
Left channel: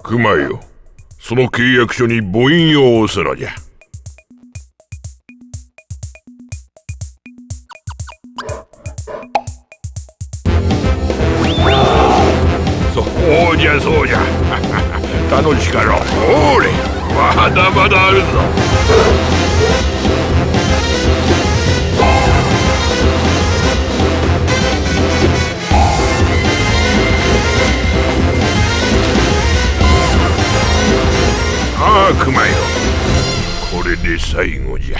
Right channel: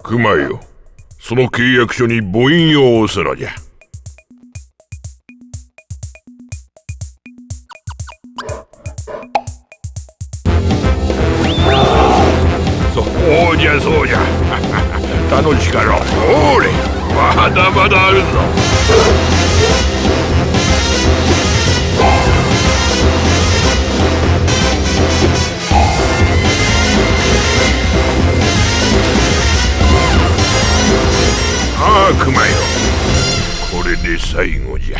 熊よ、その契約書に母印を押すのじゃ。そうじゃそうじゃ。楽しかろう。ほれ、まだまだあるぞ。ああ、熊よ。これで最後じゃ。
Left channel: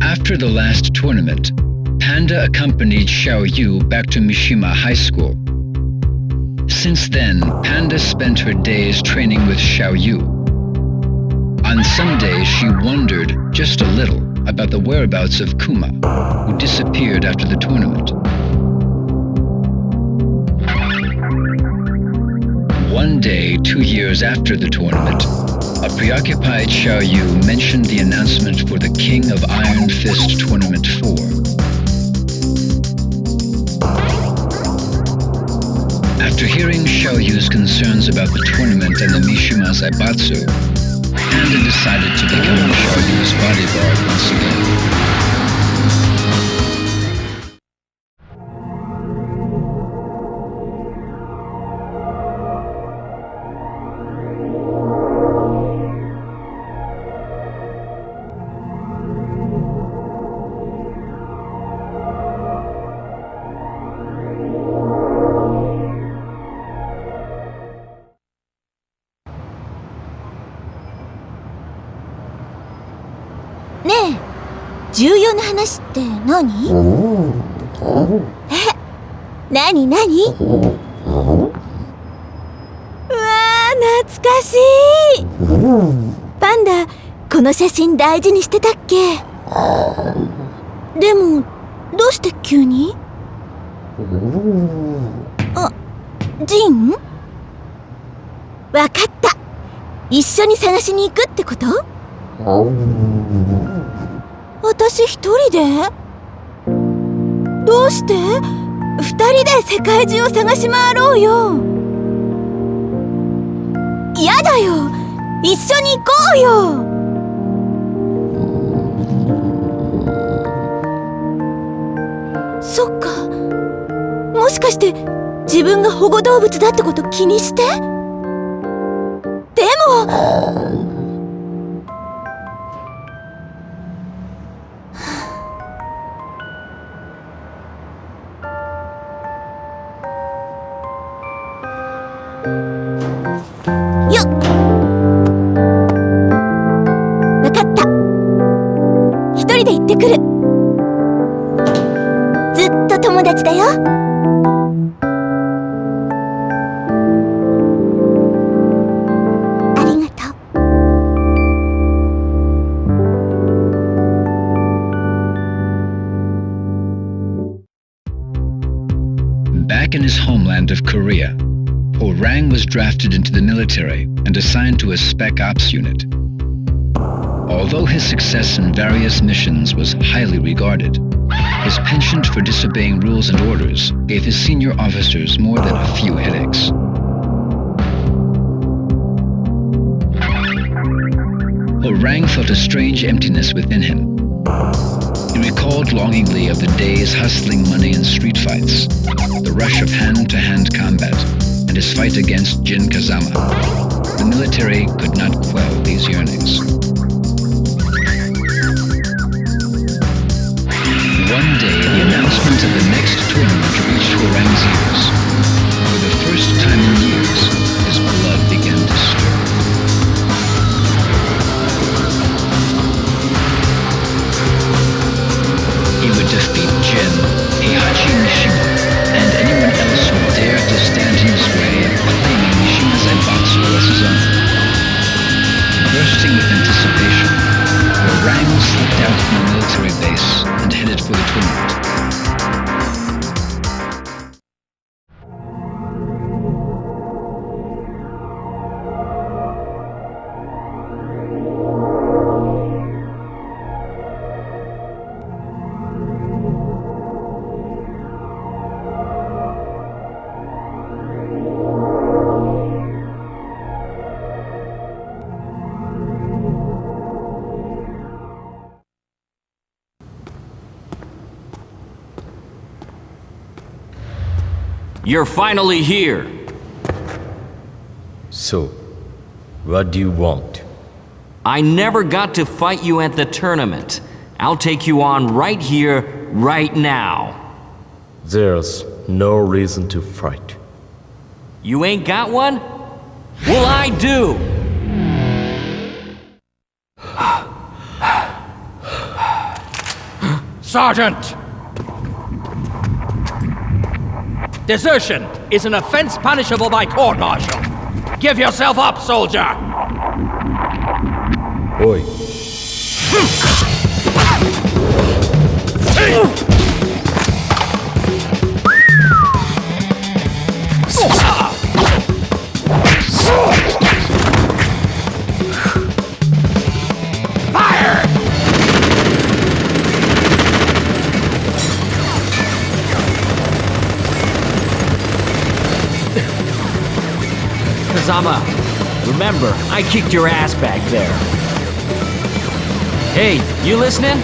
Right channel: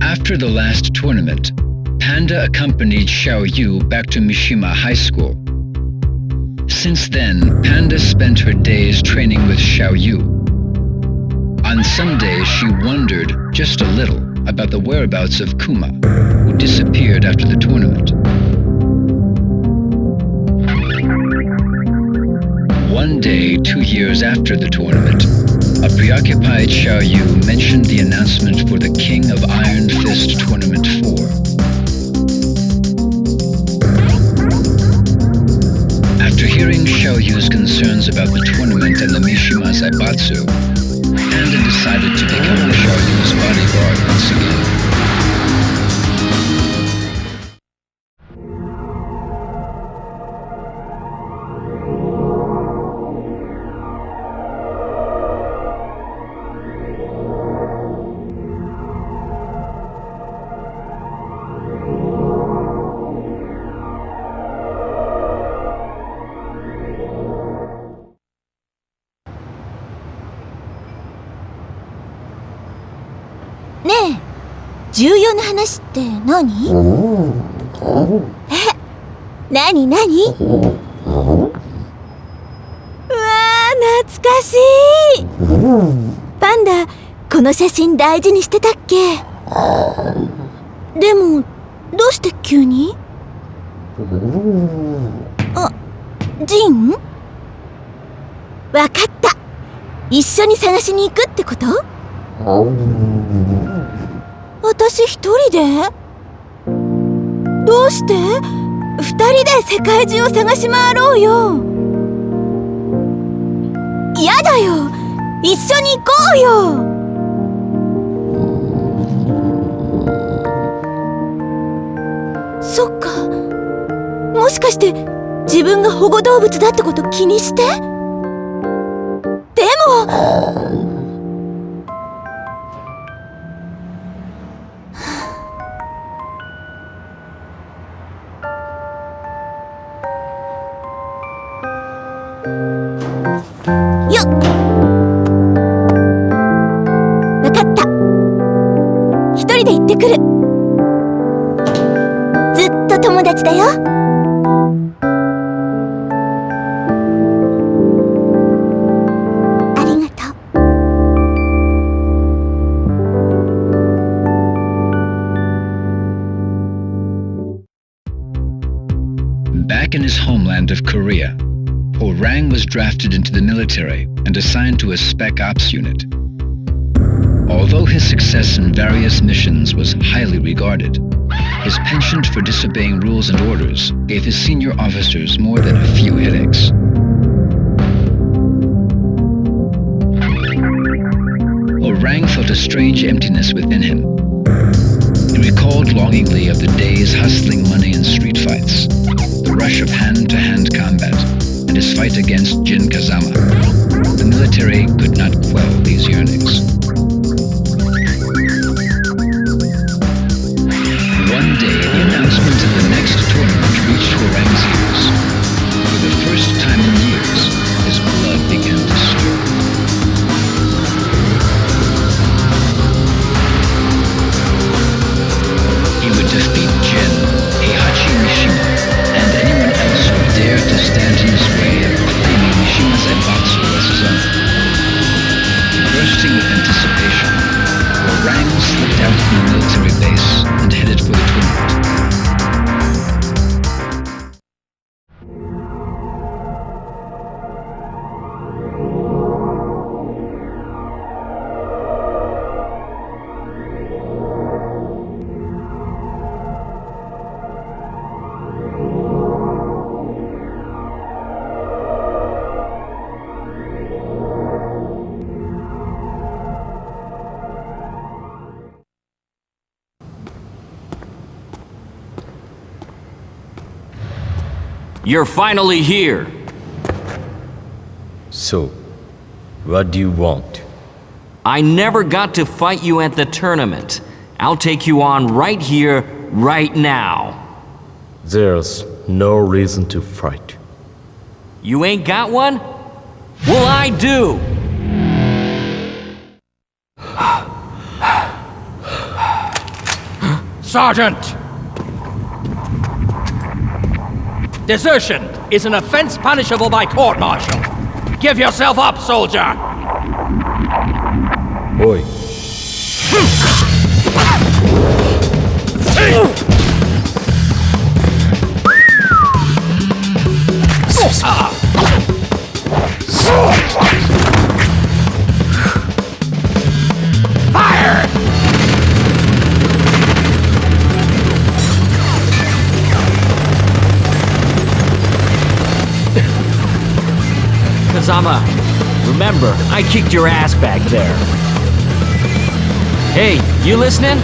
After the last tournament, Panda accompanied Xiaoyu back to Mishima High School. Since then, Panda spent her days training with Xiaoyu. On some days, she wondered just a little about the whereabouts of Kuma, who disappeared after the tournament. One day, 2 years after the tournament, a preoccupied Xiaoyu mentioned the announcement for the King of Iron Fist Tournament 4. After hearing Xiaoyu's concerns about the tournament and the Mishima Zaibatsu, Panda decided to become Xiaoyu's bodyguard once again.ねえ、重要な話って何？何？うわー、懐かしい。パンダ、ここの写真大事にしてたっけ？でも、どうして急に？あ、ジン？わかった。一緒に探しに行くってこと？私一人で？どうして？二人で世界中を探し回ろうよ。やだよ。一緒に行こうよ。そっか。もしかして自分が保護動物だってこと気にして？でもよっ、わかった。一人で行ってくる。ずっと友達だよ。ありがとう。Back in his homeland of Korea, Orang was drafted into the military and assigned to a Spec Ops unit. Although his success in various missions was highly regarded, his penchant for disobeying rules and orders gave his senior officers more than a few headaches. Orang felt a strange emptiness within him. He recalled longingly of the days hustling money in street fights, the rush of hand-to-hand combat, and his fight against Jin Kazama. The military could not quell these yearnings. One day, the announcement of the next tournament reached Orang's ears. For the first time in years, his blood began to stir. He would defeat Jin, Heihachi Mishima, and anyone else who dared to stand in his way of claiming Mishima's Zaibatsu as his own. Bursting with anticipation, Orang slipped out from the military base and headed for the tournament. You're finally here. So, what do you want? I never got to fight you at the tournament. I'll take you on right here, right now. There's no reason to fight. You ain't got one? Well, I do! Sergeant! Desertion is an offense punishable by court-martial. Give yourself up, soldier! Oi. Fire! Kazama, remember, I kicked your ass back there. Hey, you listening?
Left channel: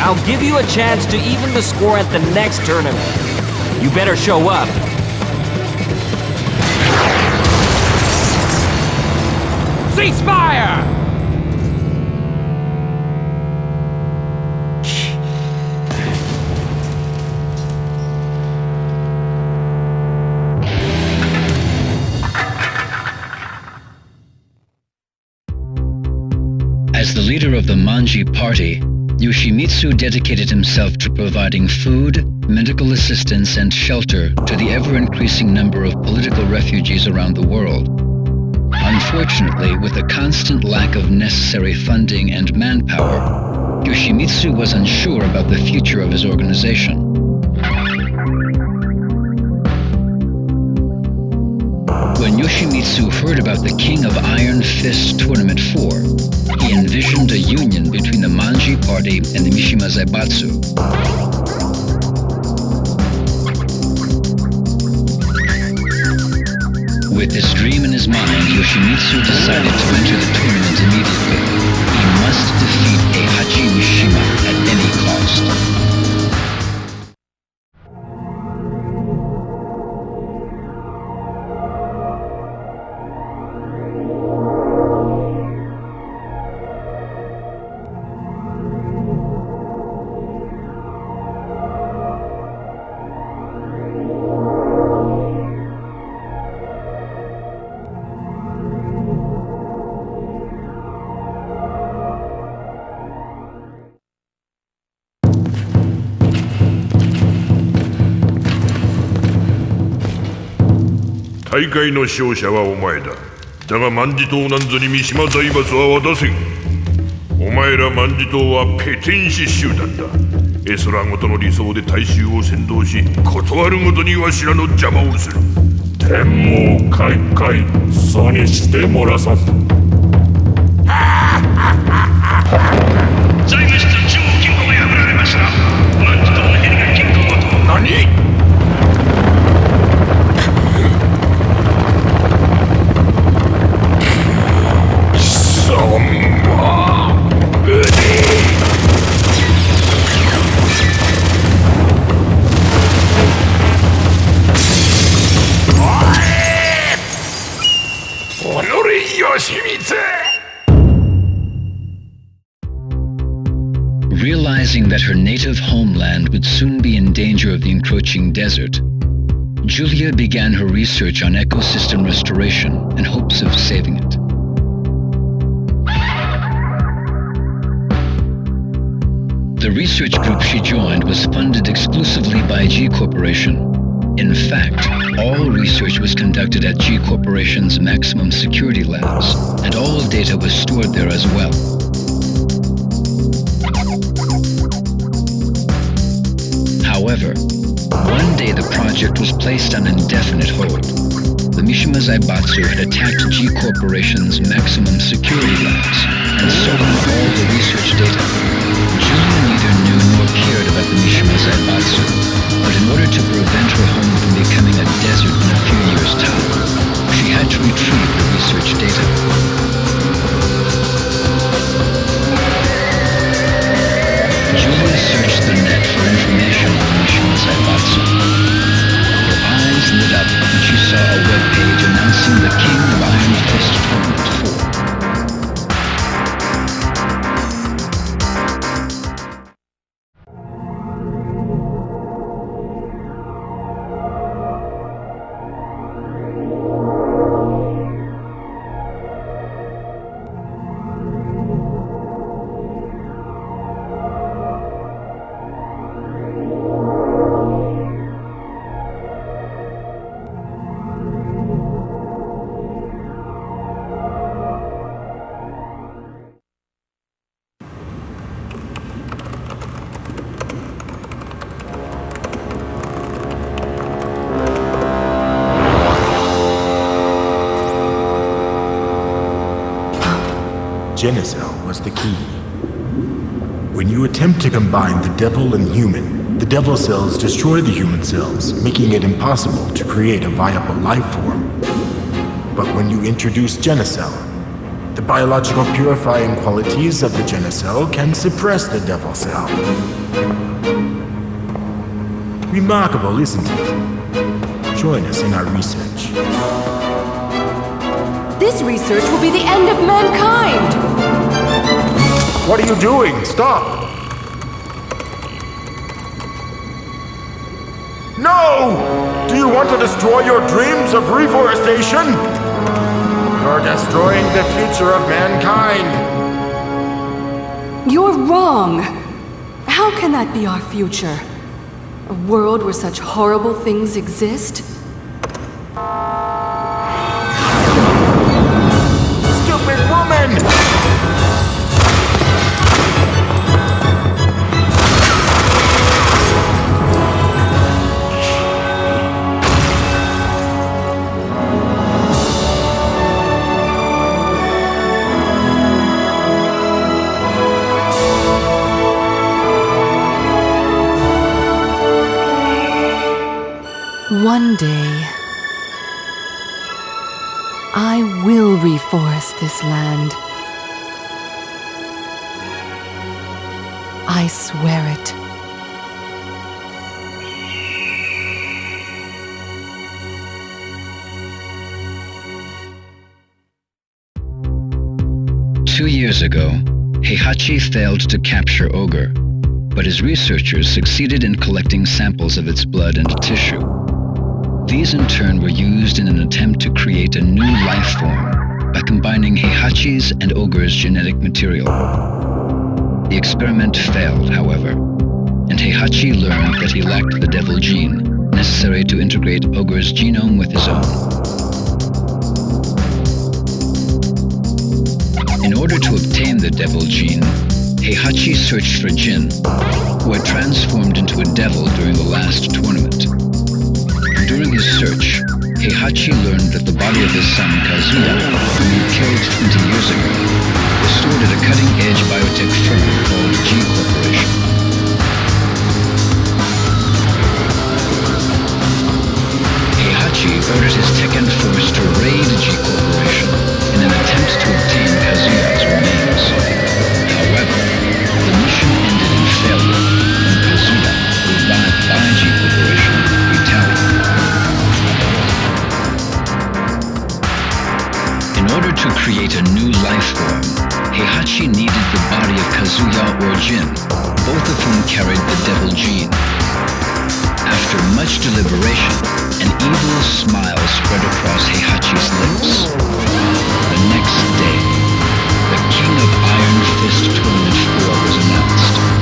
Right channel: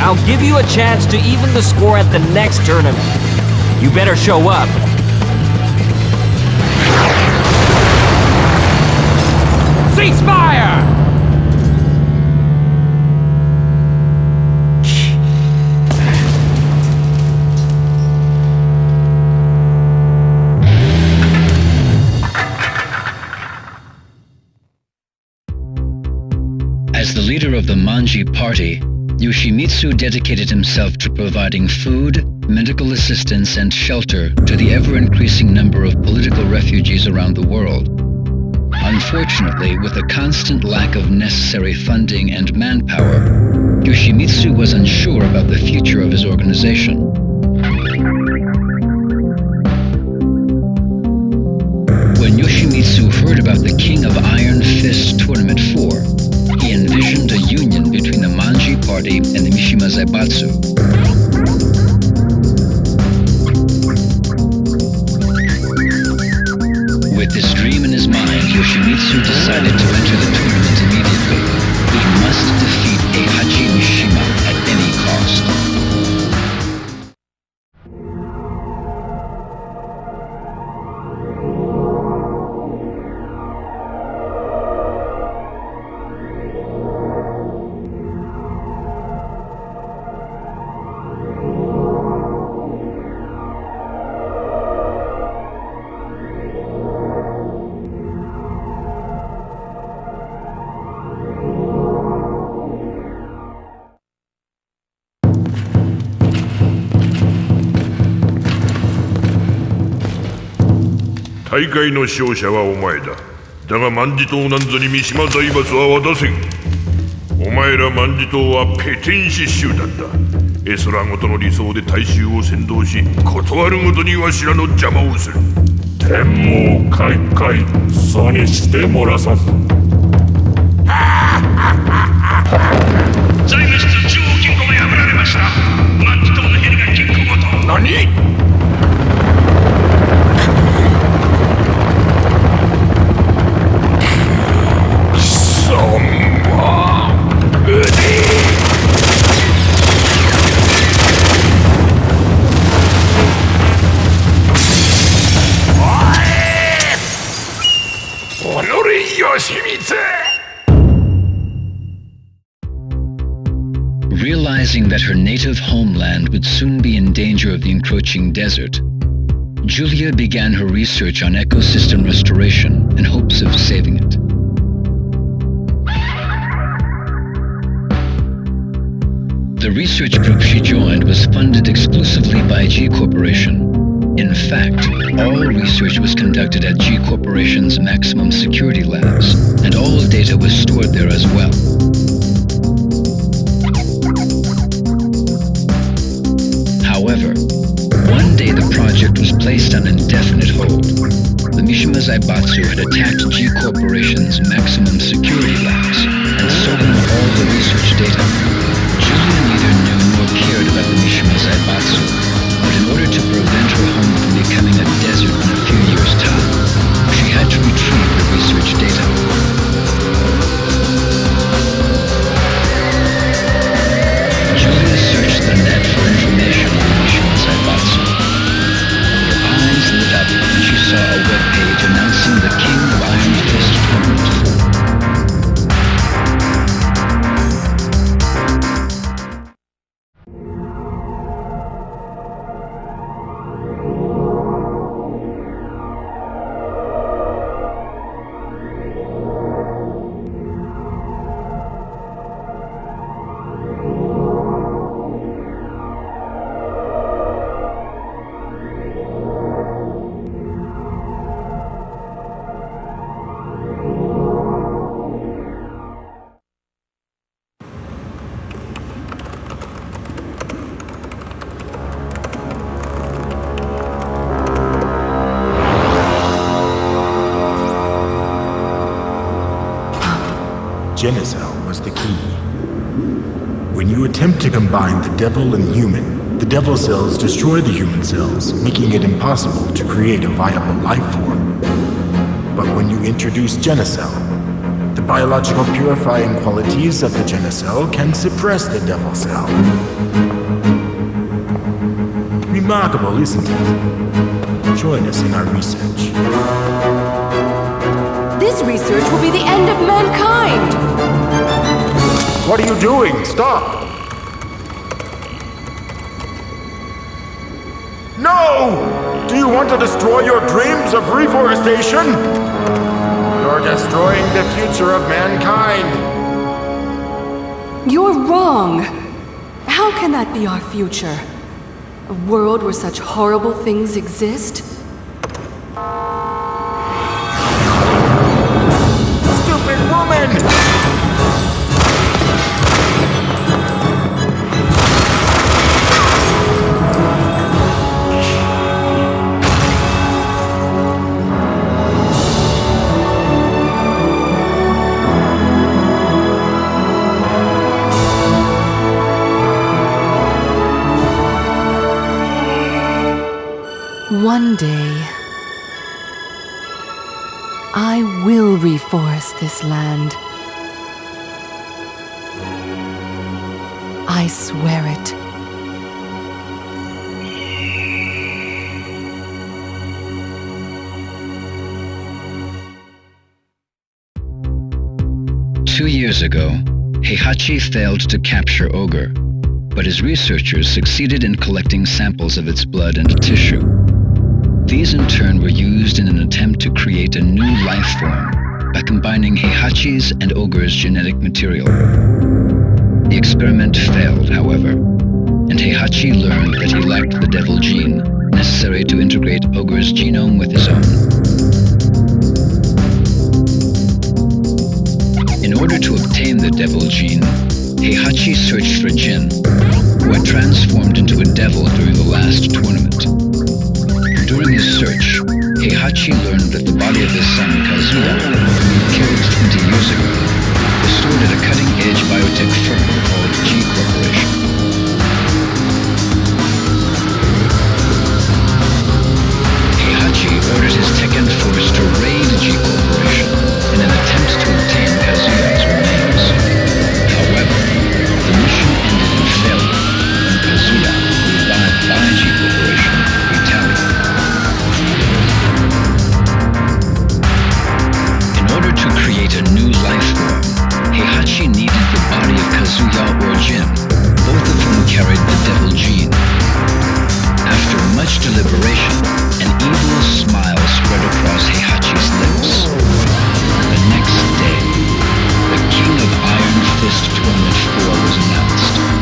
I'll give you a chance to even the score at the next tournament. You better show up. Ceasefire! As the leader of the Manji party, Yoshimitsu dedicated himself to providing food, medical assistance, and shelter to the ever-increasing number of political refugees around the world. On Unfortunately, with a constant lack of necessary funding and manpower, Yoshimitsu was unsure about the future of his organization. When Yoshimitsu heard about the King of Iron Fist Tournament 4, he envisioned a union between the Manji Party and the Mishima Zaibatsu. With this dream in his mind, Yoshimitsu decided to enter the tournament immediately. He must defeat Heihachi Mishima at any cost.大会の勝者はお前だ。だが万事島なんぞに三島財閥は渡せん。お前ら万事島はペテン師集団だ。絵空ごとの理想で大衆を先導し、断るごとにわしらの邪魔をする。天網開会、そうにしてもらさん。財務室中央金庫が破られました。万事島のヘリが金庫ごと。何？Realizing that her native homeland would soon be in danger of the encroaching desert, Julia began her research on ecosystem restoration in hopes of saving it. The research group she joined was funded exclusively by G Corporation. In fact, all research was conducted at G Corporation's maximum security labs, and all data was stored there as well. However, one day the project was placed on indefinite hold. The Mishima Zaibatsu had attacked G Corporation's maximum security labs and stolen all the research data. Julia neither knew nor cared about the Mishima Zaibatsu, but in order to prevent her home from becoming a desert in a few years' time, she had to retrieve the research data. Julia searched the net for information on the Mishima Zaibatsu. Her eyes lit up when she saw a web page announcing the King of Iron Fist Tournament 4. Genicell was the key. When you attempt to combine the devil and human, the devil cells destroy the human cells, making it impossible to create a viable life form. But when you introduce Genicell, the biological purifying qualities of the Genicell can suppress the devil cell. Remarkable, isn't it? Join us in our research. This research will be the end of mankind! What are you doing? Stop! No! Do you want to destroy your dreams of reforestation? You're destroying the future of mankind! You're wrong! How can that be our future? A world where such horrible things exist? stupid woman! One day, I will reforest this land. I swear it. Two years ago, Heihachi failed to capture Ogre, but his researchers succeeded in collecting samples of its blood and tissue. These in turn were used in an attempt to create a new life form by combining Heihachi's and Ogre's genetic material. The experiment failed, however, and Heihachi learned that he lacked the devil gene necessary to integrate Ogre's genome with his own. In order to obtain the devil gene, Heihachi searched for Jin, who had transformed into a devil during the last tournament. During his search, Heihachi learned that the body of his son Kazuya, whom he killed 20 years ago, was stored at a cutting-edge biotech firm called G Corporation. Heihachi ordered his Tekken force to raid G Corporation in an attempt to obtain Kazuya's remains. However, the mission ended in failure when Kazuya, revived by G Corporation, retaliated. In order to create a new life form, Heihachi needed the body of Kazuya or Jin, both of whom carried the devil gene. After much deliberation, an evil smile spread across Heihachi's lips. The next day, the King of Iron Fist Tournament 4 was announced.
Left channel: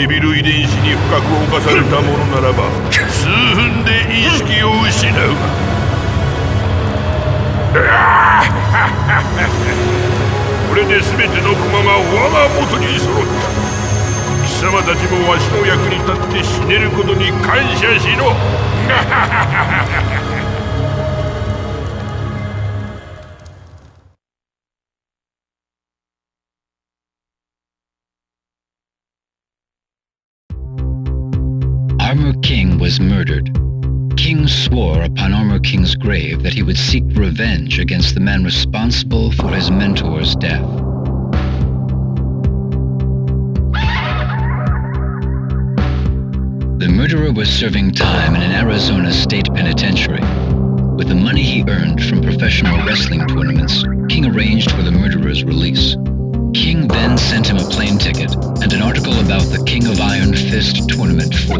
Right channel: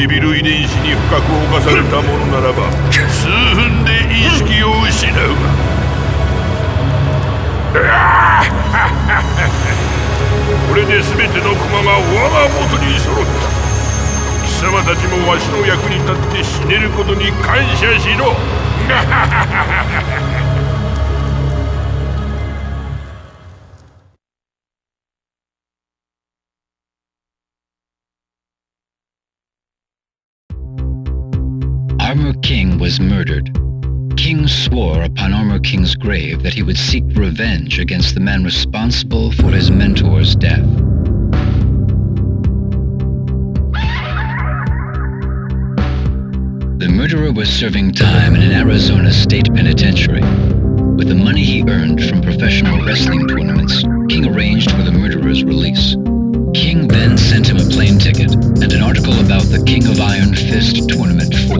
デビル遺伝子に深く侵されたものならば数分で意識を失うこれで全ての駒が我が元に揃った貴様たちもわしの役に立って死ねることに感謝しろArmor King was murdered. King swore upon Armor King's grave that he would seek revenge against the man responsible for his mentor's death. The murderer was serving time in an Arizona state penitentiary. With the money he earned from professional wrestling tournaments, King arranged for the murderer's release. King then sent him a plane ticket and an article about the King of Iron Fist Tournament 4.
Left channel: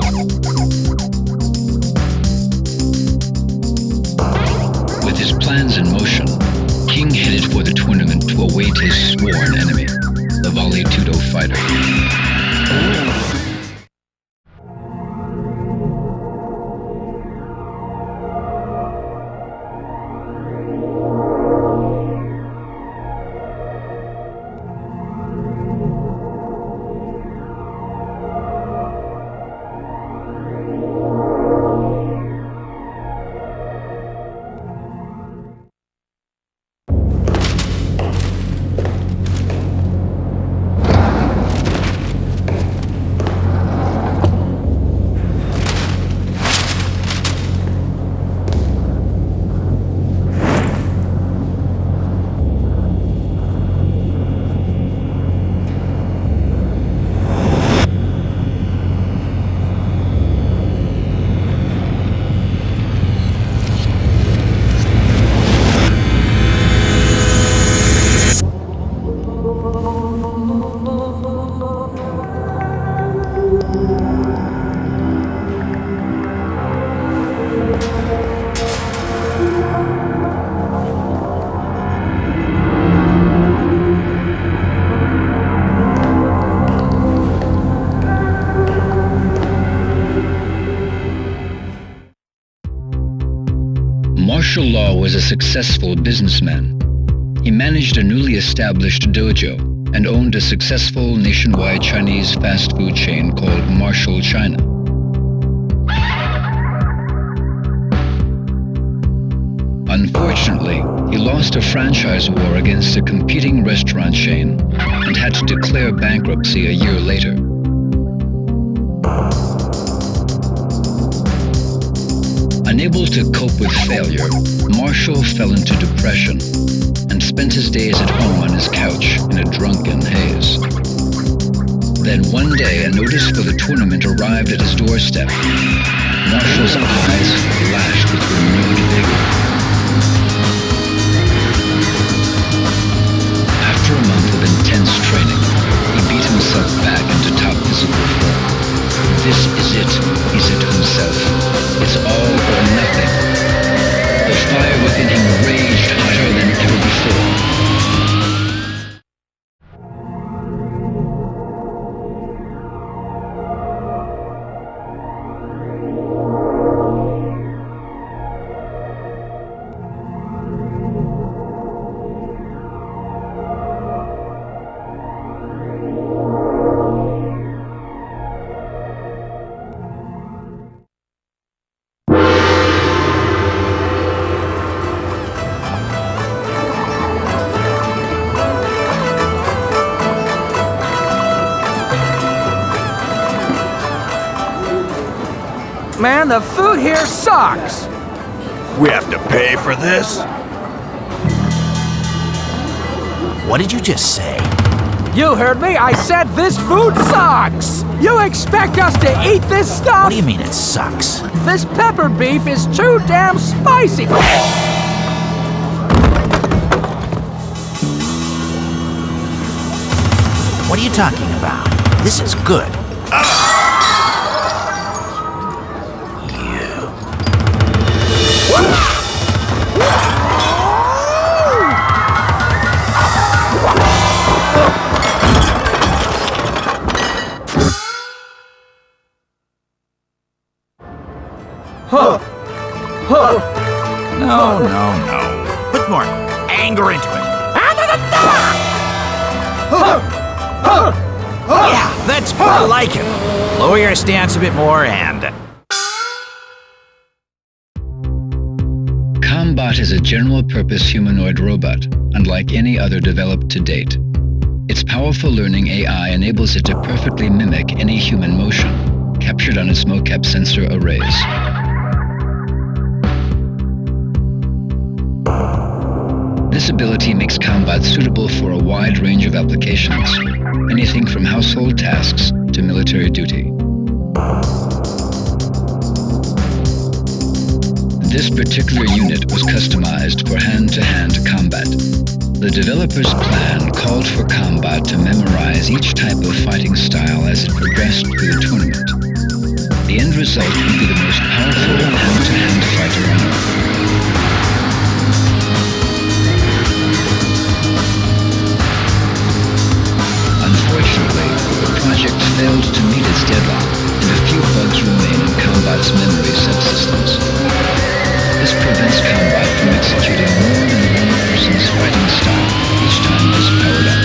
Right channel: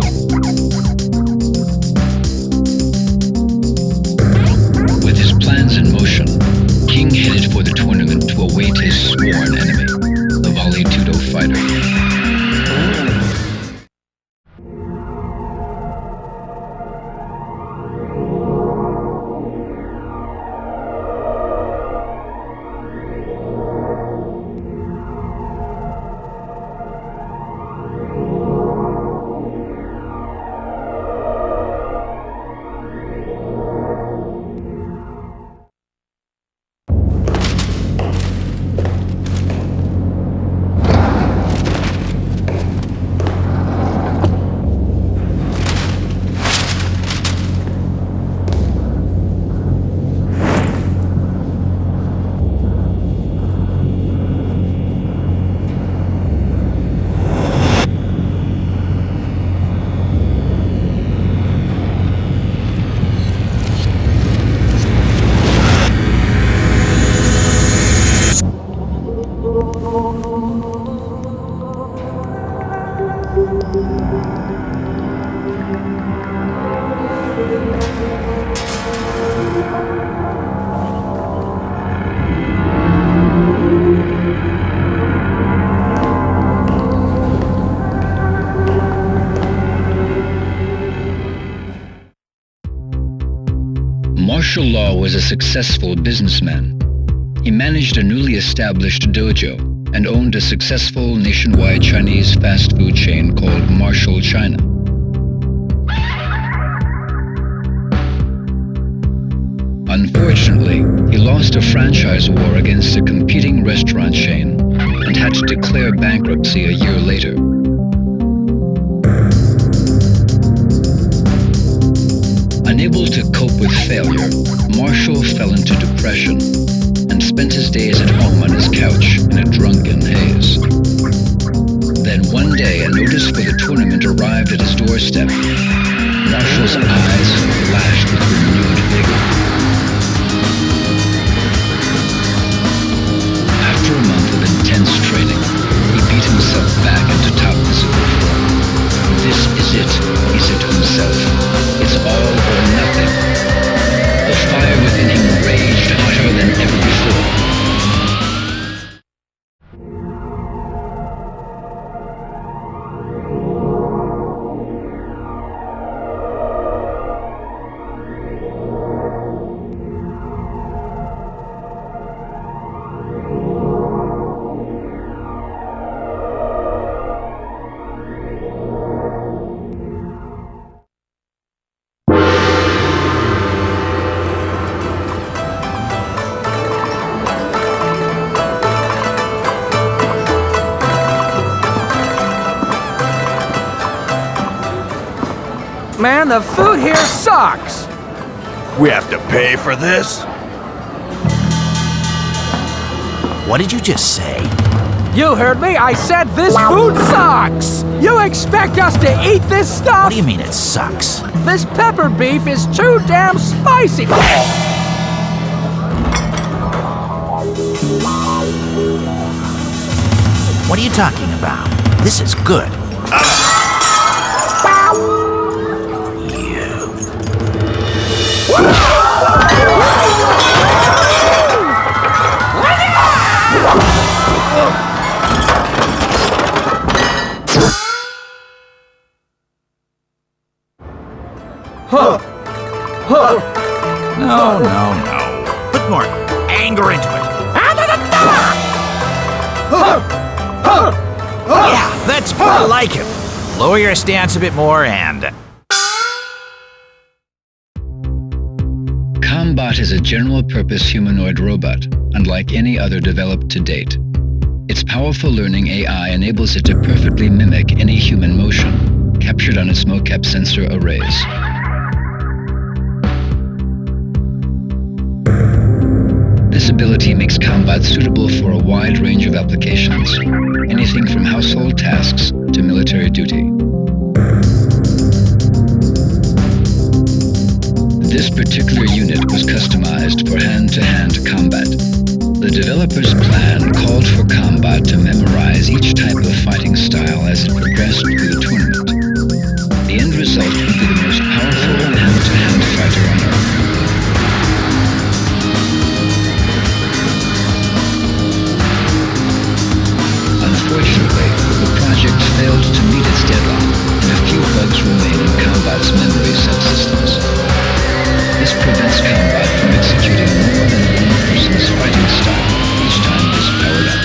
With his plans in motion, King headed for the tournament to await his sworn enemy, the Vale Tudo fighter. Martial Law was a successful businessman. He managed a newly established dojo and owned a successful nationwide Chinese fast food chain called Martial China. Unfortunately, he lost a franchise war against a competing restaurant chain and had to declare bankruptcy a year later. Unable to cope with failure, Marshall fell into depression and spent his days at home on his couch in a drunken haze. Then one day, a notice for the tournament arrived at his doorstep. Marshall's eyes flashed with renewed vigor. After a month of intense training, he beat himself back into top physical form. This is it, he said to himself. It's all or nothing. The fire within him raged hotter than ever before. Man, the food here sucks! We have to pay for this? What did you just say? You heard me, I said this food sucks! You expect us to eat this stuff? What do you mean it sucks? This pepper beef is too damn spicy! What are you talking about? This is good. No. Put more anger into it. Yeah, that's more like it. Lower your stance a bit more and... Combot is a general-purpose humanoid robot, unlike any other developed to date. Its powerful learning AI enables it to perfectly mimic any human motion, captured on its mocap sensor arrays. This ability makes Combot suitable for a wide range of applications, anything from household tasks to military duty. This particular unit was customized for hand-to-hand combat. The developer's plan called for combat to memorize each type of fighting style as it progressed through the tournament. The end result would be the most powerful hand-to-hand fighter on Earth. Unfortunately, the project failed to meet its deadline, and a few bugs remain in Combat's memory subsystems. This prevents Combat from executing more than one person's fighting style each time it is powered up.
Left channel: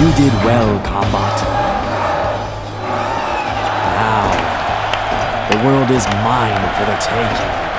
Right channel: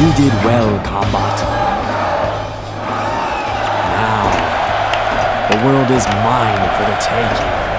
You did well, Combat. Now, the world is mine for the taking.